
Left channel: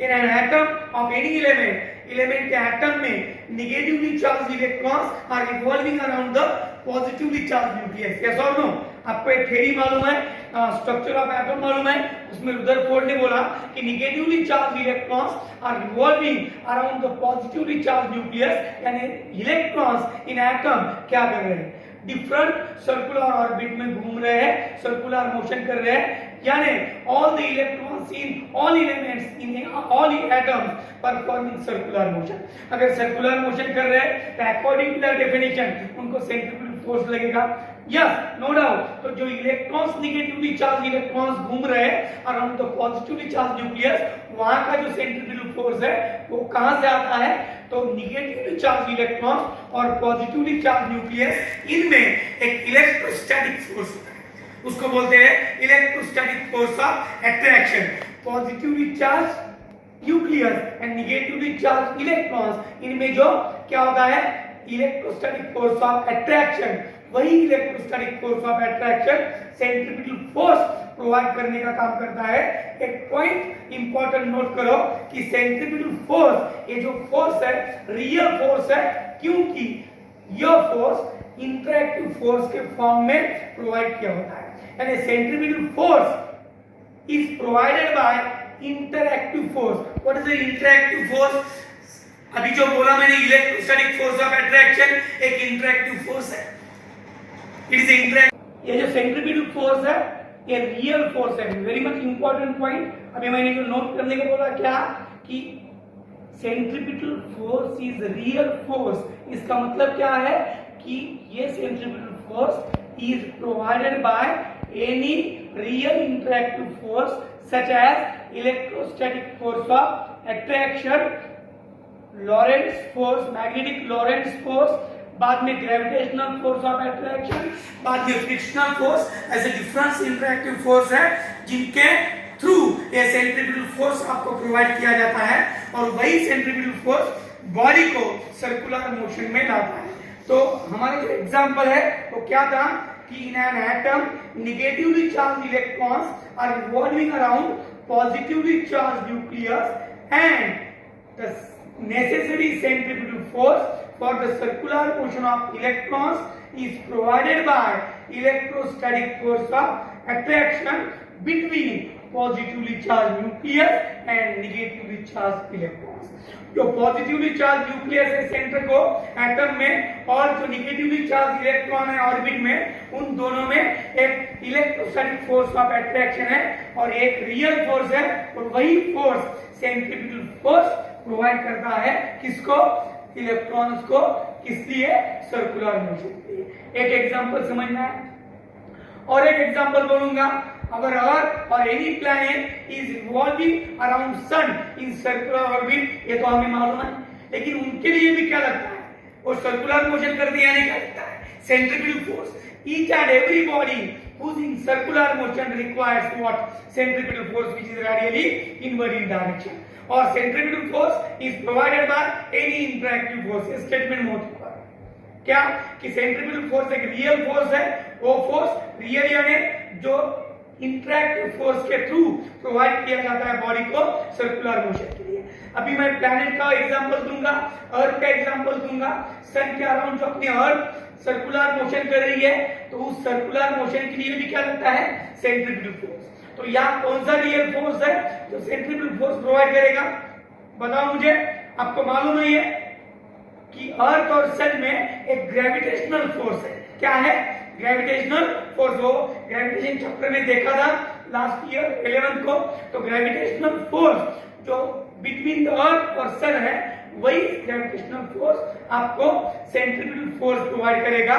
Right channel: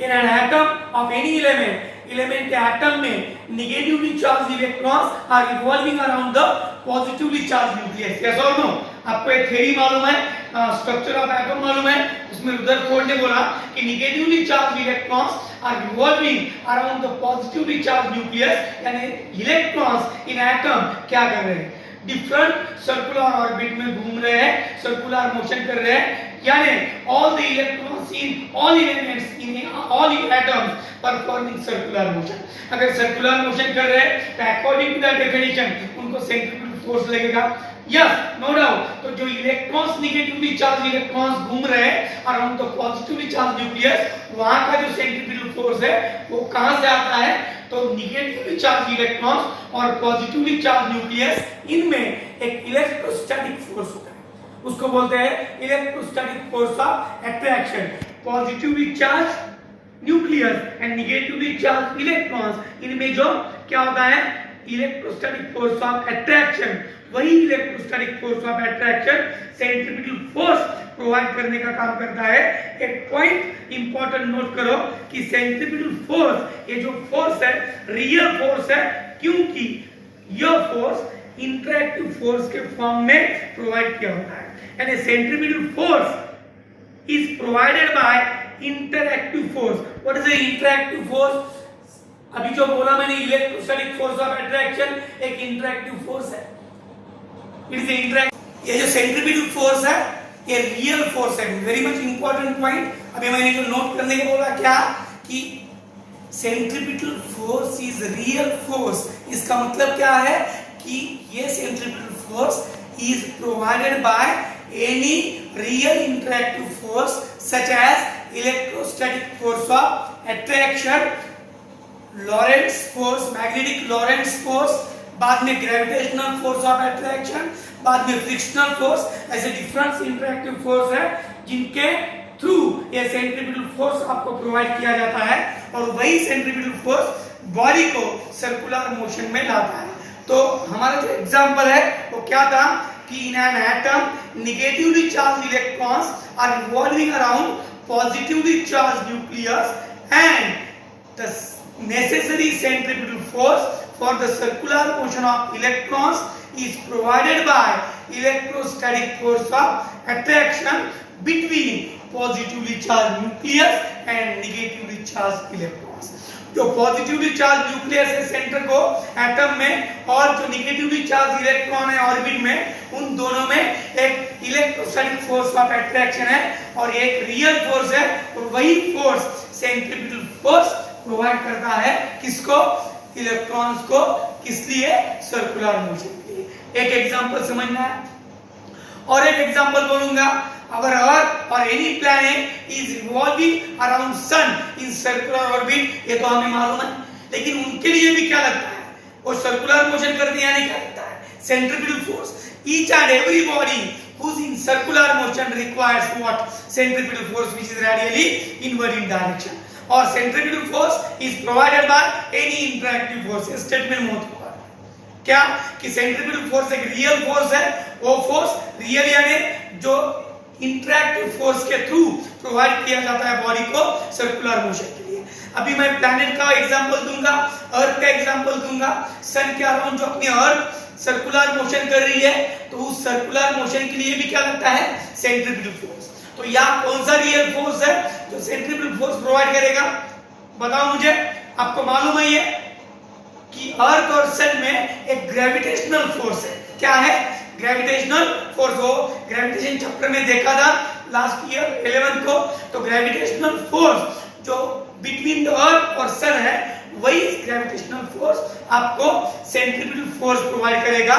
in an atom of any element के एटम में negatively charge electrons are revolving around the positively charge nucleus. Yes और नो? आपको एक थ्योरी मालूम है, स्ट्रक्चर ऑफ एटम मालूम है, उसमें रुदरफोर्ड ने बोला कि negatively charge electrons are revolving around the positively charge nucleus, यानी इलेक्ट्रॉन्स इन एटम क्या कर रहे हैं, डिफरेंट सर्कुलर ऑर्बिट में घूम रहे हैं, सर्कुलर मोशन कर रहे हैं, यानी all the electrons in all elements in all atoms performing circular motion। अगर circular motion कर रहे हैं तो according to the definition उनको centripetal force लगेगा। Yes, no doubt. तो जो इलेक्ट्रॉन्स नेगेटिवली चार्ज इलेक्ट्रॉन्स घूम रहे हैं around the positively charge nucleus, वहां का जो सेंट्रिपिटल फोर्स है वो कहां से आता है? तो नेगेटिवली चार्ज इलेक्ट्रॉन्स और पॉजिटिवली चार्ज न्यूक्लियस, इनमें एक इलेक्ट्रोस्टैटिक फोर्स होता है, उसको बोलते हैं electrostatic force of attraction. Positively charge nucleus and negatively charge electrons, इनमें जो क्या होता है, इलेक्ट्रोस्टैटिक फोर्स ऑफ अट्रैक्शन। वही electrostatic force of attraction centripetal force provide करने का काम करता है। एक पॉइंट इंपॉर्टेंट नोट करो कि सेंट्रिपिटल फोर्स, ये जो फोर्स है रियल फोर्स है, क्योंकि यह फोर्स इंटरैक्टिव फोर्स के फॉर्म में प्रोवाइड किया होता है। यानी centripetal force is provided bye interactive force. What is the interactive force? अभी जो बोला मैंने इलेक्ट्रोस्टैटिक फोर्स ऑफ अट्रैक्शन एक इंटरैक्टिव फोर्स है। It is interact. ये जो सेंट्रिपिटल फोर्स है ये रियल फोर्स है। Very much important point. अभी मैंने जो नोट करने को बोला क्या कि centripetal force is real force. इसका मतलब क्या है कि ये centripetal force is provided by any real interactive force such as electrostatic force of attraction, Lorentz force, magnetic Lorentz force, बाद में gravitational force of attraction, बाद में frictional force, ऐसे different interactive force है जिनके थ्रू ये सेंट्रिपिटल फोर्स आपको provide किया जाता है, और वही सेंट्रिपिटल फोर्स बॉडी को सर्कुलर मोशन में लाता है। तो हमारा जो एग्जांपल है वो क्या था कि in an atom negatively charge electrons are revolving around positively charge nucleus and the necessary centripetal force for the circular motion of electrons is provided by electrostatic force of attraction between positively charge nucleus and negatively charge electrons. जो positively charge nucleus है center को atom में, और जो negatively charge electron है orbit में, उन दोनों में एक इलेक्ट्रोस्टैटिक फोर्स ऑफ अट्रैक्शन है और एक रियल फोर्स है, और वही फोर्स सेंट्रीफ्यूगल फोर्स प्रोवाइड करता है किसको? इलेक्ट्रॉन्स को। किस लिए? सर्कुलर मोशन के लिए। एक एग्जांपल समझना है और एक एग्जांपल बोलूंगा। अगर अर्थ और any planet is revolving around sun in circular orbit, ये तो हमें मालूम है, लेकिन उनके लिए भी क्या लगता है? वो सर्कुलर मोशन करती है, नहीं क्या लगता है? Centrifugal force. Each and every body whose in circular motion requires what? Centripetal force, which is radially inward in direction, or centripetal force is provided by any interactive force। ये statement बहुत हुआ क्या कि सेंट्रीपिटल फोर्स एक real force है, वो force real यानी जो इंटरैक्टिव फोर्स के थ्रू प्रोवाइड किया जाता है बॉडी को सर्कुलर मोशन के लिए। अभी मैं प्लैनेट का एग्जांपल दूंगा, अर्थ का एग्जांपल दूंगा। सन के अराउंड जो अपनी अर्थ सर्कुलर मोशन कर रही है, तो उस सर्कुलर मोशन के लिए भी क्या लगता है? Centripetal force. तो यहाँ कौन सा रियल फोर्स है जो सेंट्रीपिटल फोर्स प्रोवाइड करेगा? बताओ मुझे। आपको मालूम है ये कि अर्थ और सन में एक ग्रेविटेशनल फोर्स है। क्या है? Gravitational force. हो ग्रेविटेशन चैप्टर में देखा था लास्ट ईयर 11th को। तो ग्रेविटेशनल फोर्स जो बिटवीन द अर्थ और सन है, वही ग्रेविटेशनल फोर्स आपको सेंट्रीपिटल फोर्स प्रोवाइड करेगा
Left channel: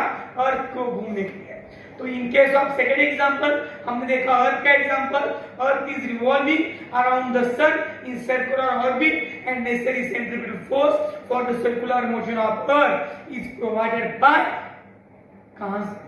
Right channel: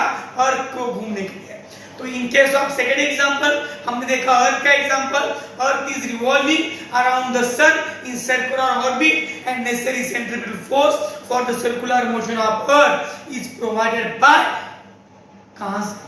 अर्थ को घूमने के लिए। तो in case of second example हमने देखा अर्थ का example. Earth is revolving around the sun in circular orbit and necessary centripetal force for the circular motion of earth is provided by कहां से?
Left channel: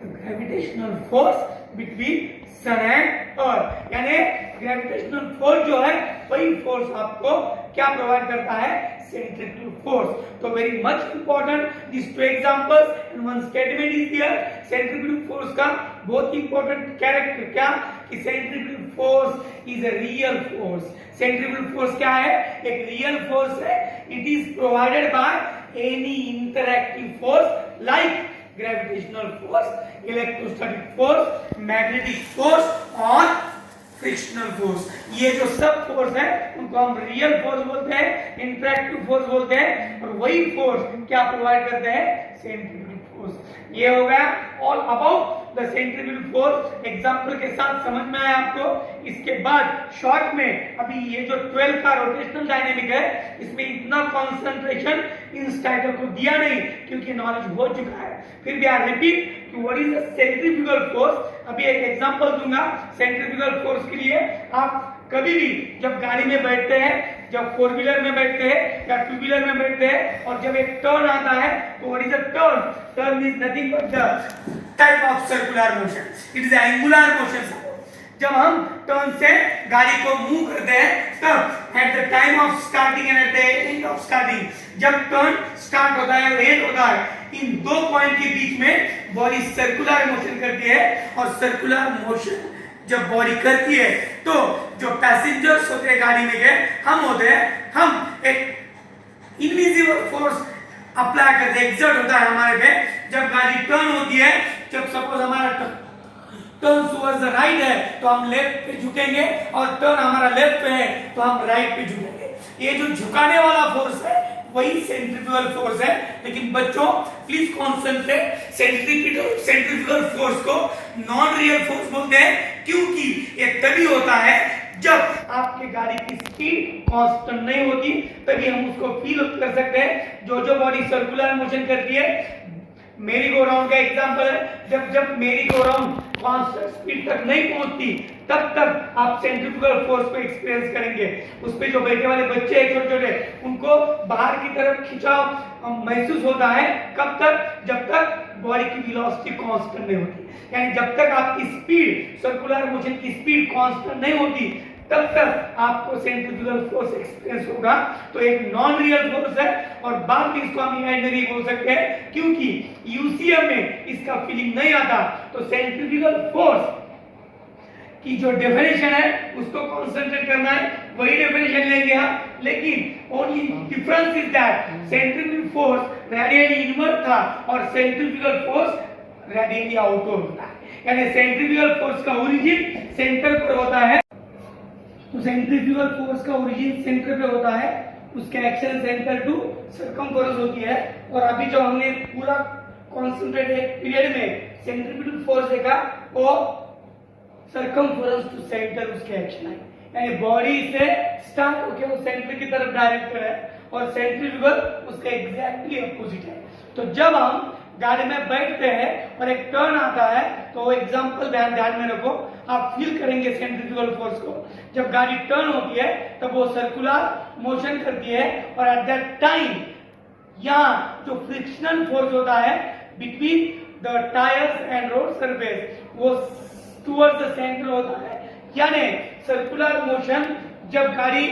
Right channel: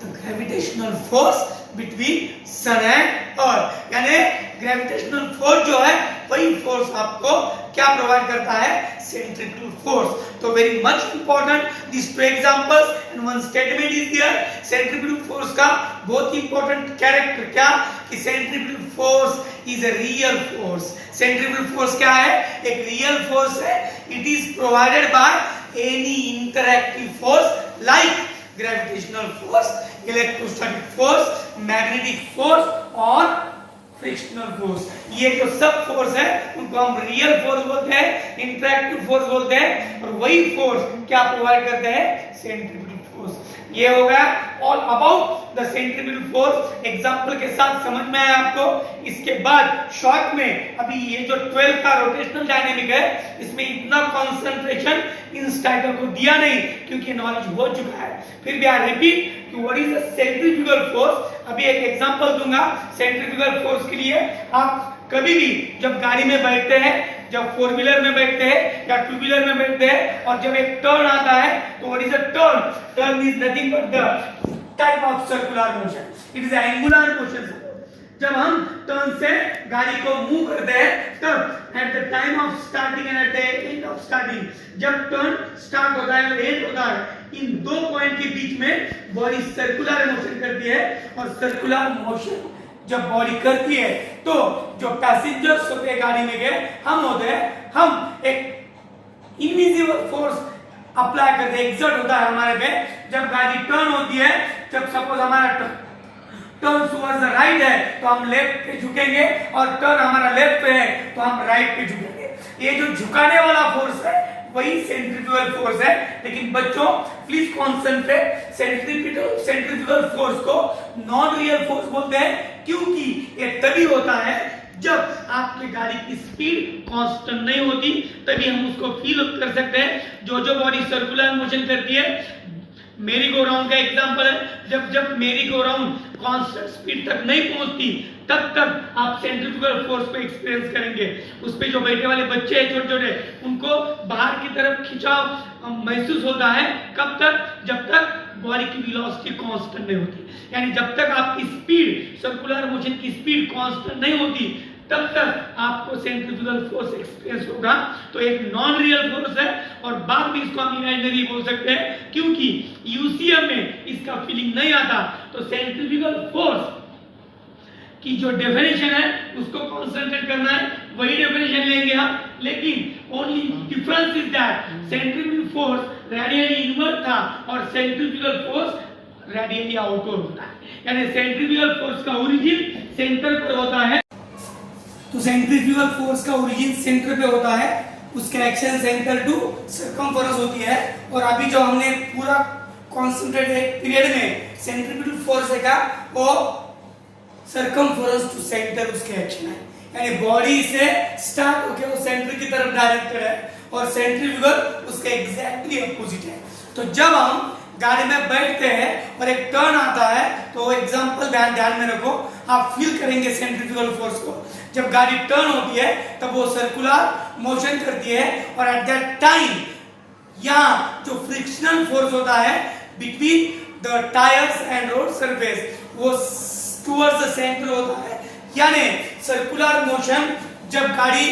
The gravitational force between sun and earth. यानी gravitational force जो है वही force आपको क्या provide करता है? Centripetal force. तो very much important this two examples and one statement is there. Centripetal force का बहुत इंपॉर्टेंट कैरेक्टर क्या कि centripetal force is a real force. Centripetal force क्या है? एक रियल फोर्स है। It is provided by any interactive force like gravitational force, electrostatic force, magnetic force और frictional force. ये जो सब फोर्स है उनको हम रियल फोर्स बोलते हैं, इंटरैक्टिव फोर्स बोलते हैं, और वही फोर्स क्या प्रोवाइड करते हैं? Centripetal force. ये हो गया all about the centripetal force. Example के साथ समझ में आया आपको। इसके बाद शॉर्ट में अभी ये जो 12 का रोटेशनल डायनेमिक है, इसमें इतना कंसंट्रेशन इन स्टाइकर को दिया नहीं क्योंकि नॉलेज हो चुका है। फिर भी आई रिपीट कि what is the centrifugal force. अभी एक एग्जांपल दूंगा सेंट्रीफ्यूगल फोर्स के लिए। आप कभी भी जब गाड़ी में बैठते हैं, जब फोर व्हीलर में बैठते हैं या टू व्हीलर में बैठते हैं, और जब एक टर्न आता है, तो what is a turn? Turn is nothing but the type of circular motion. It is angular motion. जब हम टर्न से गाड़ी को मूव करते हैं, तब at the time of starting and at the end of starting, जब टर्न स्टार्ट होता है और एंड होता है, इन दो पॉइंट के बीच में बॉडी सर्कुलर मोशन करती है। और सर्कुलर मोशन जब बॉडी करती है, तो जो पैसेंजर्स होते हैं गाड़ी में के, हम होते हैं, हम एक इनविजिबल फोर्स अप्लाई करते हैं, एक्सर्ट होता है हमारे पे। जब गाड़ी टर्न होती है, जब सपोज हमारा टर्न टुवर्ड्स द राइट है, तो हम लेफ्ट पे झुकेंगे, और टर्न हमारा लेफ्ट पे है तो हम राइट पे झुकेंगे। ये जो झुकाने वाला फोर्स है वही सेंट्रीफ्यूगल फोर्स है। लेकिन बच्चों प्लीज कॉन्सेंट्रेट, सेंट्रीफ्यूगल फोर्स को नॉन रियल फोर्स बोलते हैं, क्योंकि ये तभी होता है जब आपकी गाड़ी की स्पीड कांस्टेंट नहीं होती, तभी हम उसको फील कर सकते हैं। जो बॉडी सर्कुलर मोशन करती है, मेरी गो राउंड का एग्जांपल है, जब मेरी गो राउंड कांस्टेंट स्पीड तक नहीं पहुंचती, तब तक आप सेंट्रीफ्यूगल फोर्स को एक्सपीरियंस करेंगे। उस पे जो बैठे वाले बच्चे हैं छोटे छोटे, उनको बाहर की तरफ खिंचाव महसूस होता है। कब तक? जब तक बॉडी की वेलोसिटी कांस्टेंट नहीं होती। यानी जब तक आपकी स्पीड, सर्कुलर मोशन की स्पीड कांस्टेंट नहीं होती, तब तक आपको सेंट्रीफ्यूगल फोर्स एक्सपीरियंस होगा। तो एक नॉन रियल फोर्स है, और बाद में इसको हम इमेजिनरी बोल सकते हैं, क्योंकि यूसीएम में इसका फीलिंग नहीं आता। तो सेंट्रीफ्यूगल फोर्स की जो डेफिनेशन है उसको कंसंट्रेट करना है, वही डेफिनेशन लेंगे हम। लेकिन only difference is that centrifugal force radially inward था और सेंट्रीफ्यूगल फोर्स रेडियली आउटवर्ड होता है। यानी सेंट्रीफ्यूगल फोर्स का ओरिजिन सेंटर पर होता है। तो सेंट्रीफ्यूगल फोर्स का ओरिजिन सेंटर पे होता है, उसका एक्शन सेंटर टू सर्कमफेरेंस होती है। और अभी जो हमने पूरा कॉन्सेंट्रेटेड पीरियड में सेंट्रीफ्यूगल फोर्स देखा, वो सर्कमफेरेंस टू सेंटर उसके एक्शन है। यानी बॉडी से स्टार्ट होकर वो सेंटर की तरफ डायरेक्टेड है और सेंट्रीफ्यूगल उसका एग्जैक्टली अपोजिट है। तो जब हम गाड़ी में बैठते हैं और एक टर्न आता है, तो एग्जांपल ध्यान में रखो, आप फील करेंगे सेंट्रीफ्यूगल फोर्स को। जब गाड़ी टर्न होती है तब वो सर्कुलर मोशन करती है और एट दैट टाइम यहाँ जो फ्रिक्शनल फोर्स होता है between the tyres and road surface, वो टुवर्ड्स द सेंटर होता है। यानी सर्कुलर मोशन जब गाड़ी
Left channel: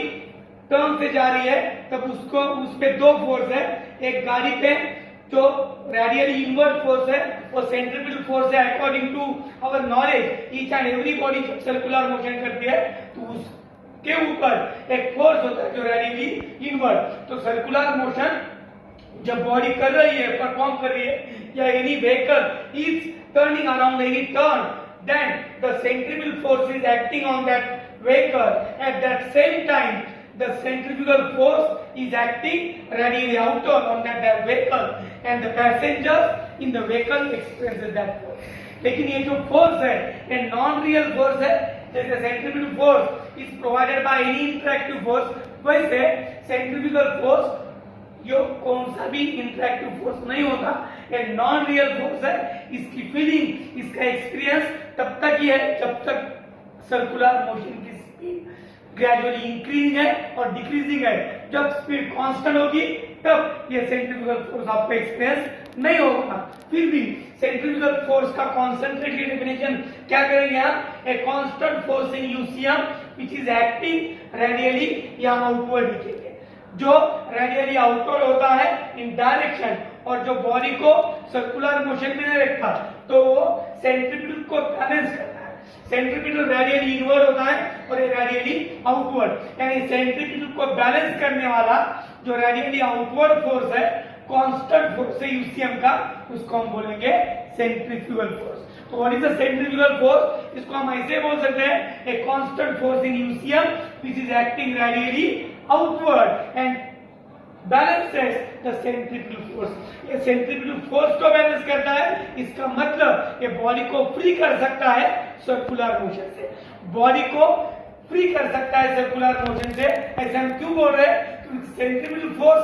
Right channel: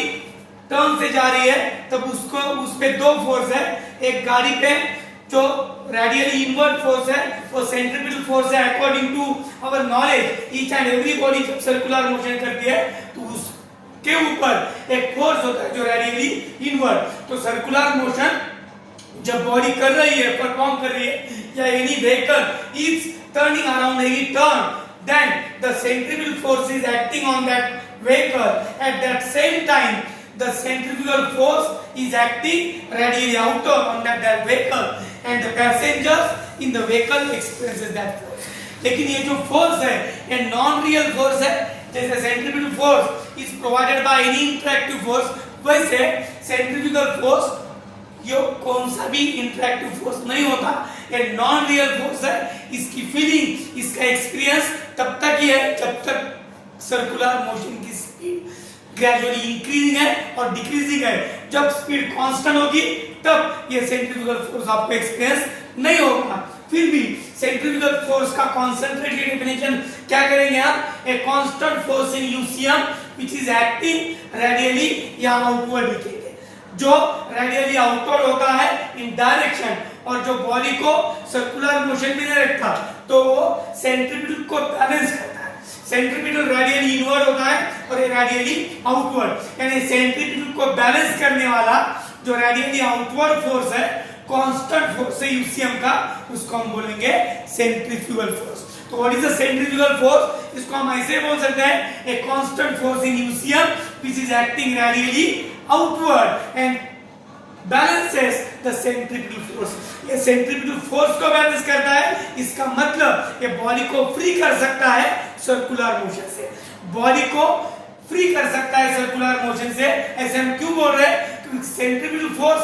टर्न से जा रही है तब उसको उस पे दो फोर्स है। एक गाड़ी पे जो रेडियली इनवर्ड फोर्स है वो सेंट्रीफ्यूगल फोर्स है। According to our knowledge each and every body जब सर्कुलर मोशन करती है तो उसके ऊपर एक फोर्स होता है जो रेडियली इनवर्ड। तो सर्कुलर मोशन जब बॉडी कर रही है, परफॉर्म कर रही है, या any vehicle is turning around any turn, then the centrifugal force is acting on that vehicle. At that same time the centrifugal force is acting radially outward on that vehicle and the passengers in the vehicle experiences that force. लेकिन ये जो force है ये non real force है। जैसे centrifugal force is provided by any interactive force, वैसे centrifugal force ये कौन सा भी इंटरैक्टिव फोर्स नहीं होता, ये नॉन रियल फोर्स है। इसकी फीलिंग, इसका एक्सपीरियंस तब तक ही है जब तक सर्कुलर मोशन की स्पीड ग्रेजुअली इंक्रीजिंग है और डिक्रीजिंग है। जब स्पीड कांस्टेंट होगी तब ये सेंट्रीफ्यूगल फोर्स आपको एक्सपीरियंस नहीं होगा। फिर भी सेंट्रीफ्यूगल फोर्स का कॉन्सेंट्रेटेड डेफिनेशन क्या करेंगे आप? ए constant force in UCM which is acting radially या आउटवर्ड, जो रेडियली आउटवर्ड होता है इन डायरेक्शन और जो बॉडी को सर्कुलर मोशन में नहीं रखता, तो वो सेंट्रीफ्यूगल को बैलेंस करता है। सेंट्रीफ्यूगल रेडियली इनवर्ड होता है और ये रेडियली आउटवर्ड। यानी सेंट्रीफ्यूगल को बैलेंस करने वाला जो रेडियली आउटवर्ड फोर्स है, कांस्टेंट फोर्स है यूसीएम का, उसको हम बोलेंगे सेंट्रीफ्यूगल फोर्स। तो what is the centrifugal force? इसको हम ऐसे बोल सकते हैं, ए constant force in UCM which is acting radially outward and balances the centrifugal force. ये सेंट्रीफ्यूगल फोर्स को बैलेंस करता है। इसका मतलब ये बॉडी को फ्री कर सकता है सर्कुलर मोशन से, बॉडी को फ्री कर सकता है सर्कुलर मोशन से। ऐसे हम क्यों बोल रहे हैं? क्योंकि सेंट्रीफ्यूगल फोर्स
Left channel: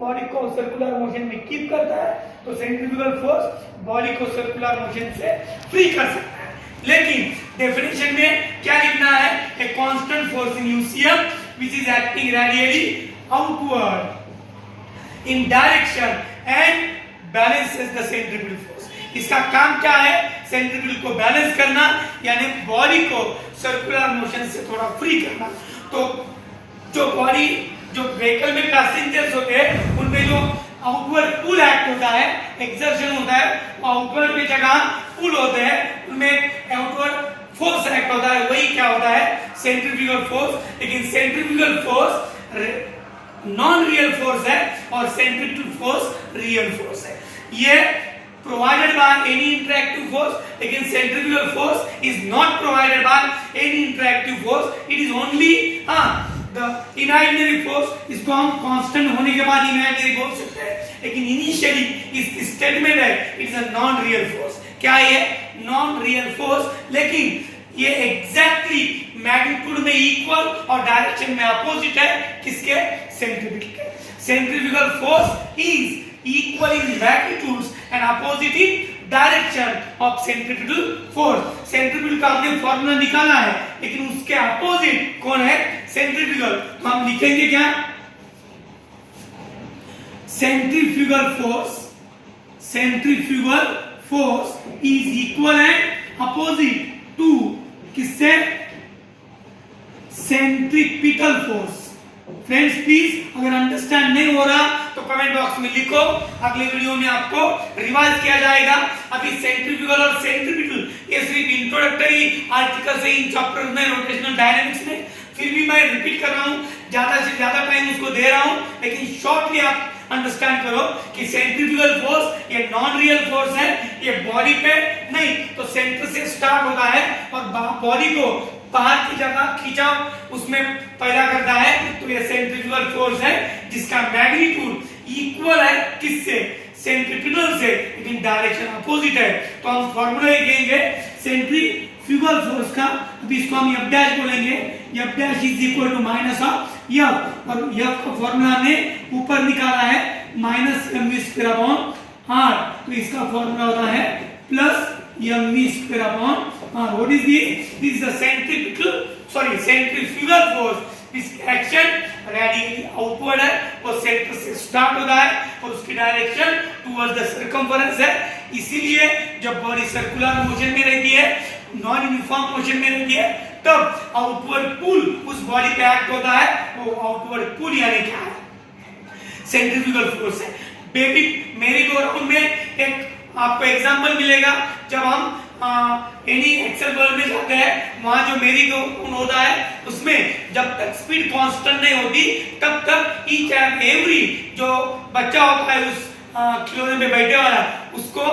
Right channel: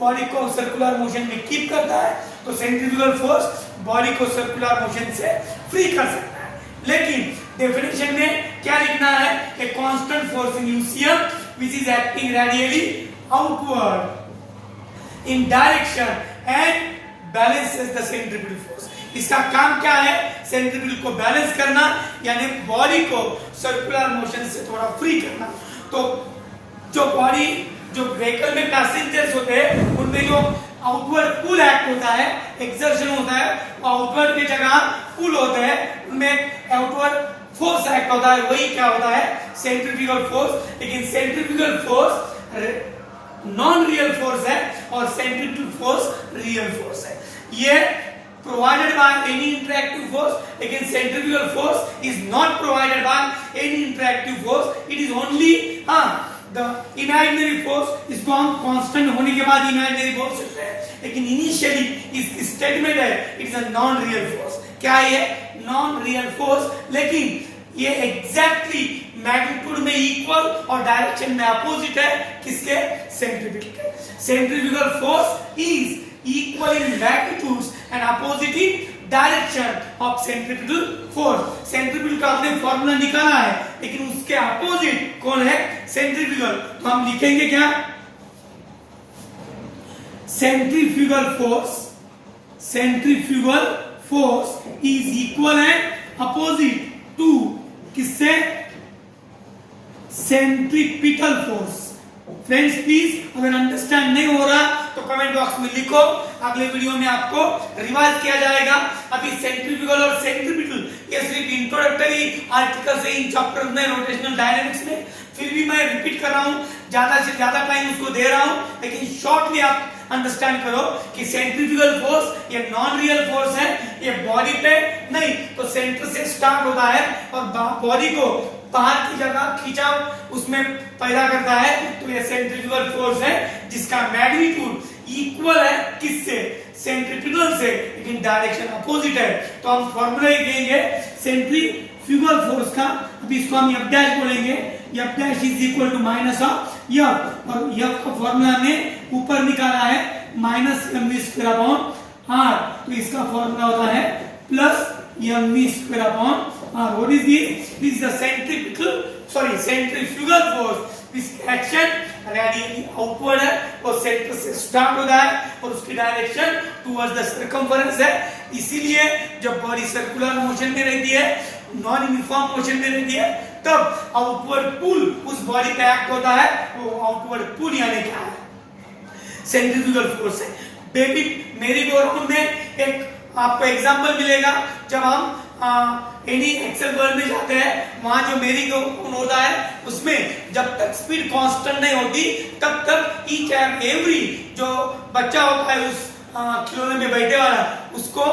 बॉडी को सर्कुलर मोशन में कीप करता है, तो सेंट्रीफ्यूगल फोर्स बॉडी को सर्कुलर मोशन से फ्री कर सकता है। लेकिन डेफिनेशन में क्या लिखना है? A constant force in UCM which is acting radially outward in direction and balances the centrifugal force. इसका काम क्या है? सेंट्रीफ्यूगल को बैलेंस करना, यानी बॉडी को सर्कुलर मोशन से थोड़ा फ्री करना। तो जो बॉडी, जो व्हीकल में पैसेंजर्स होते हैं, उनमें जो आउटवर्ड पुल एक्ट होता है, एक्सर्शन होता है, वो आउटवर्ड की जगह पुल होते हैं, उनमें आउटवर्ड फोर्स एक्ट होता है। वही क्या होता है? Centrifugal force. लेकिन centrifugal force non real force है और सेंट्रीफ्यूगल फोर्स रियल फोर्स है। ये provided by any interactive force, लेकिन centrifugal force is not provided by any interactive force. It is only the imaginary force. इसको हम constant होने के बाद imaginary बोल सकते हैं, लेकिन initially इसकी statement है it is a non real force. क्या है? non real force, लेकिन ये exactly magnitude में equal और direction में opposite है किसके? centrifugal के। centrifugal force is equal in magnitudes and opposite in direction of centrifugal force. centrifugal का हमने फॉर्मूला निकाला है, लेकिन उसके अपोजिट कौन है? सेंट्रीफ्यूगल। तो हम लिखेंगे क्या? Centrifugal force is equal and opposite to किससे? Centripetal force. फ्रेंड्स प्लीज अगर अंडरस्टैंड नहीं हो रहा तो कमेंट बॉक्स में लिखो, अगले वीडियो में आपको रिवाइज किया जाएगा। अभी सेंट्रीफ्यूगल और सेंट्रीपिटल ये सिर्फ इंट्रोडक्टरी आर्टिकल्स है इन चैप्टर्स में, रोटेशनल डायनामिक्स में। फिर भी मैं रिपीट कर रहा हूं, ज्यादा से ज्यादा टाइम उसको दे रहा हूं, लेकिन शॉर्टली आप अंडरस्टैंड करो कि सेंट्रीफ्यूगल फोर्स ये नॉन रियल फोर्स है, ये बॉडी पे नहीं तो सेंटर से स्टार्ट होता है और बॉडी को बाहर की जगह खिंचाव उसमें पैदा करता है, तो ये सेंट्रीफ्यूगल फोर्स है जिसका मैग्नीट्यूड इक्वल है किससे, सेंट्रीफ्यूगल से, लेकिन डायरेक्शन अपोजिट है। तो हम फॉर्मूला कहेंगे सेंट्रीफ्यूगल फोर्स का, अभी इसको हम F डैश बोलेंगे, F dash is equal to minus of F, और F का फॉर्मूला हमने ऊपर निकाला है minus mv square upon r, तो इसका फॉर्मूला होता है plus mv square upon r। What is this? This is the centrifugal force, इस एक्शन रेडियली आउटवर्ड है, वो सेंटर से स्टार्ट होता है और उसकी डायरेक्शन टुवर्ड्स द सर्कमफरेंस है। इसीलिए जब बॉडी सर्कुलर मोशन में रहती है, नॉन यूनिफॉर्म मोशन में रहती है, तब आउटवर्ड पुल उस बॉडी पे एक्ट होता है, वो आउटवर्ड पुल यानी क्या है, सेंट्रीफ्यूगल फोर्स है। बेबी मेरी गो राउंड में एक आपको एग्जांपल मिलेगा, जब हम एनी एक्सेल वर्ल्ड में जाते हैं, वहां जो मेरी गो राउंड होता है उसमें जब तक स्पीड कांस्टेंट नहीं होती तब तक ईच एंड एवरी जो बच्चा होता है उस खिलौने में बैठे वाला, उसको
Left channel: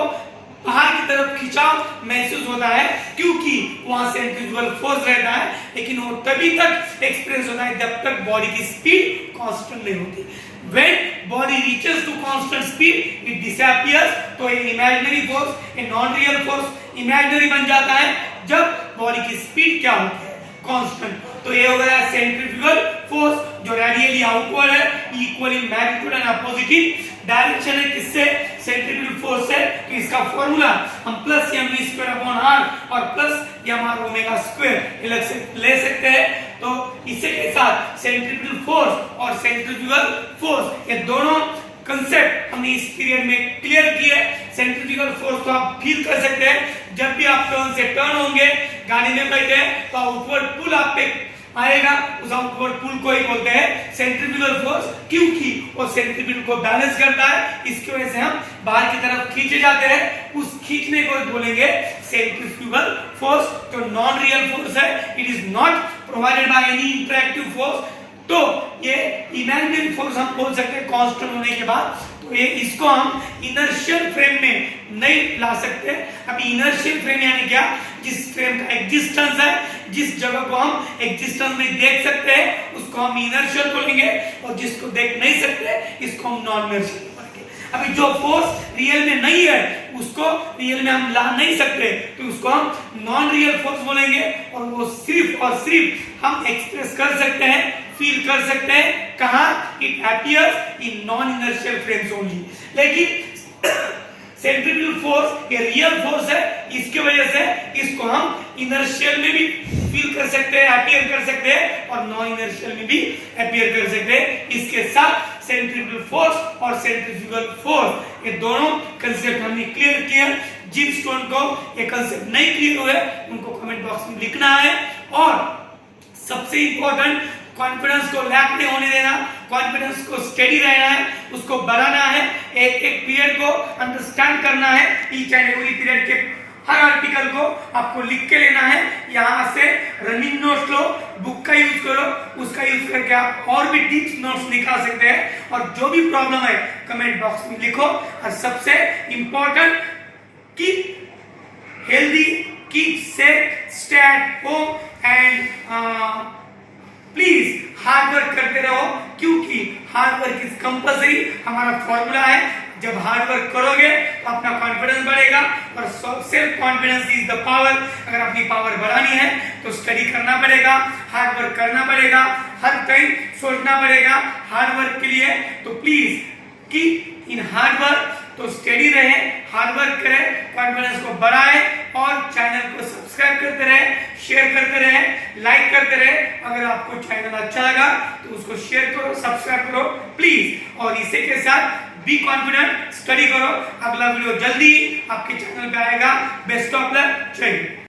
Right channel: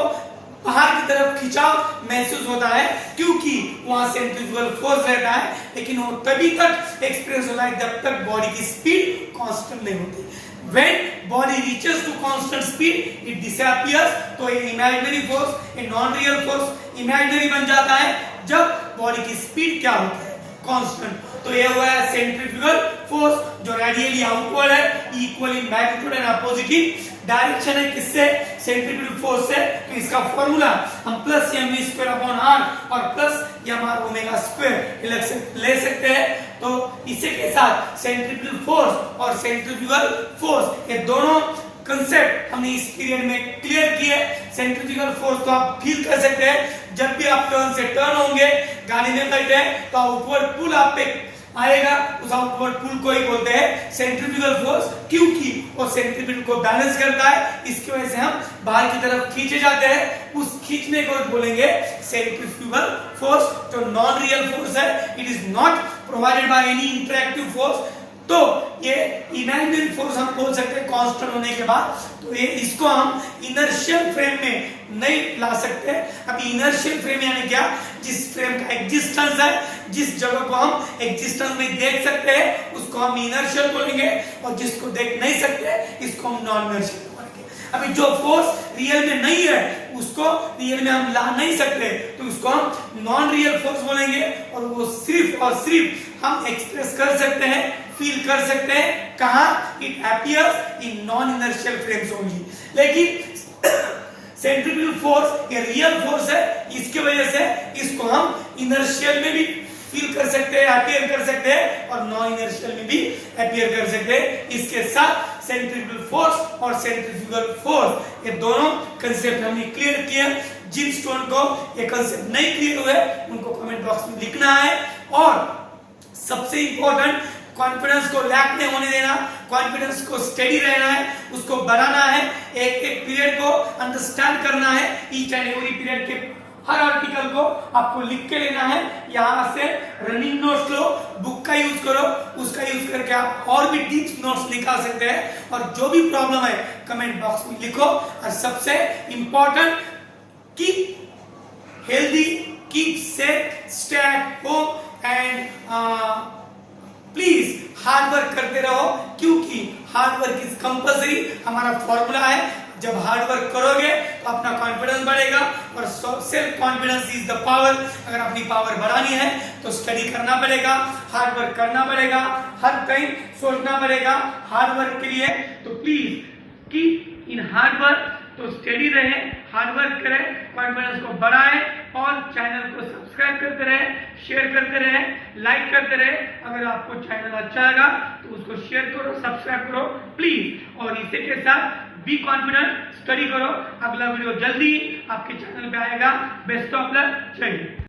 बाहर की तरफ खिंचाव महसूस होता है, क्योंकि वहां सेंट्रीफ्यूगल फोर्स रहता है, लेकिन वो तभी तक एक्सपीरियंस होता है जब तक बॉडी की स्पीड कांस्टेंट नहीं होती। When body reaches to constant speed, it disappears, तो ये imaginary force, ये non real force imaginary बन जाता है जब बॉडी की स्पीड क्या होती है, कांस्टेंट। तो ये हो गया सेंट्रीफ्यूगल फोर्स जो रेडियली आउटवर्ड है, equal in magnitude and opposite in direction है, किससे, सेंट्रीफ्यूगल फोर्स से। तो इसका फॉर्मूला हम plus mv square upon r और प्लस mr ओमेगा स्क्वायर ले सकते हैं। तो इसी के साथ सेंट्रीफ्यूगल फोर्स और सेंट्रीफ्यूगल फोर्स ये दोनों कंसेप्ट हमने इस पीरियड में क्लियर किए। सेंट्रीफ्यूगल फोर्स तो आप फील कर सकते हैं जब भी आप टर्न से टर्न होंगे, गाड़ी में बैठे तो आउटवर्ड पुल आप पे आएगा, उस आउटवर्ड पुल को ही बोलते हैं सेंट्रीफ्यूगल फोर्स, क्योंकि वो सेंट्रीफ्यूगल को बैलेंस करता है, इसकी वजह से हम बाहर की तरफ खींचे जाते हैं, उस खींचने को बोलेंगे सेंट्रीफ्यूगल फोर्स। तो नॉन रियल फोर्स है, it is not provided by any interactive force. तो ये इमेजिनरी फोर्स हम बोल सकते हैं कांस्टेंट होने के बाद, तो ये इसको हम इनर्शियल फ्रेम में नहीं ला सकते। अभी इनर्शियल फ्रेम यानी क्या, जिस फ्रेम का एग्जिस्टेंस है, जिस जगह को हम एग्जिस्टेंस में देख सकते हैं उसको हम इनर्शियल बोलेंगे, और जिसको देख नहीं सकते इसको हम नॉन इनर्शियल बोलेंगे। अभी जो फोर्स रियल में नहीं है उसको रियल में हम ला नहीं सकते, तो उसको हम नॉन रियल फोर्स बोलेंगे, और वो सिर्फ और सिर्फ हम एक्सप्रेस कर सकते हैं, फील कर सकते हैं कहां, it appears in non inertial frames only. लेकिन सेंट्रीफ्यूगल फोर्स ये रियल फोर्स है, इसकी वजह से इसको हम इनर्शियल में भी फील कर सकते हैं, अपीयर कर सकते हैं, और नॉन इनर्शियल में भी अपीयर कर सकते हैं। इसके साथ सेंट्रीफ्यूगल फोर्स और सेंट्रीफ्यूगल फोर्स ये दोनों कंसेप्ट हमने क्लियर किए। जिन स्टूडेंट को ये कंसेप्ट नहीं क्लियर हुए उनको कमेंट बॉक्स में लिखना है, और सबसे इंपॉर्टेंट कॉन्फिडेंस को लैक नहीं होने देना, कॉन्फिडेंस को स्टडी रहना है, उसको बढ़ाना है, एक एक पीरियड को अंडरस्टैंड करना है, ईच एंड एवरी पीरियड के हर आर्टिकल को आपको लिख के लेना है। यहाँ से रनिंग नोट्स लो, बुक का यूज करो, उसका यूज करके आप और भी डीप नोट्स निकाल सकते हैं, और जो भी प्रॉब्लम है कमेंट बॉक्स में लिखो। और सबसे important, keep healthy, keep safe, stay at home and please hard work करते रहो, क्योंकि हार्ड वर्क इज कंपल्सरी, हमारा फॉर्मूला है। जब हार्ड वर्क करोगे तो अपना कॉन्फिडेंस बढ़ेगा, और self confidence is the power. अगर अपनी पावर बढ़ानी है तो स्टडी करना पड़ेगा, हार्ड वर्क करना पड़ेगा, हर टाइम सोचना पड़ेगा हार्ड वर्क के लिए। तो please keep in hard work, तो स्टडी रहे, हार्ड वर्क करें, कॉन्फिडेंस को बढ़ाएं, और चैनल को सब्सक्राइब करते रहे, शेयर करते रहे, लाइक करते रहे। अगर आपको चैनल अच्छा लगा तो उसको शेयर करो, सब्सक्राइब करो प्लीज, और इसी के साथ बी कॉन्फिडेंट, स्टडी करो। अगला वीडियो जल्दी आपके चैनल पे आएगा। बेस्ट ऑफ लक, जय हिंद।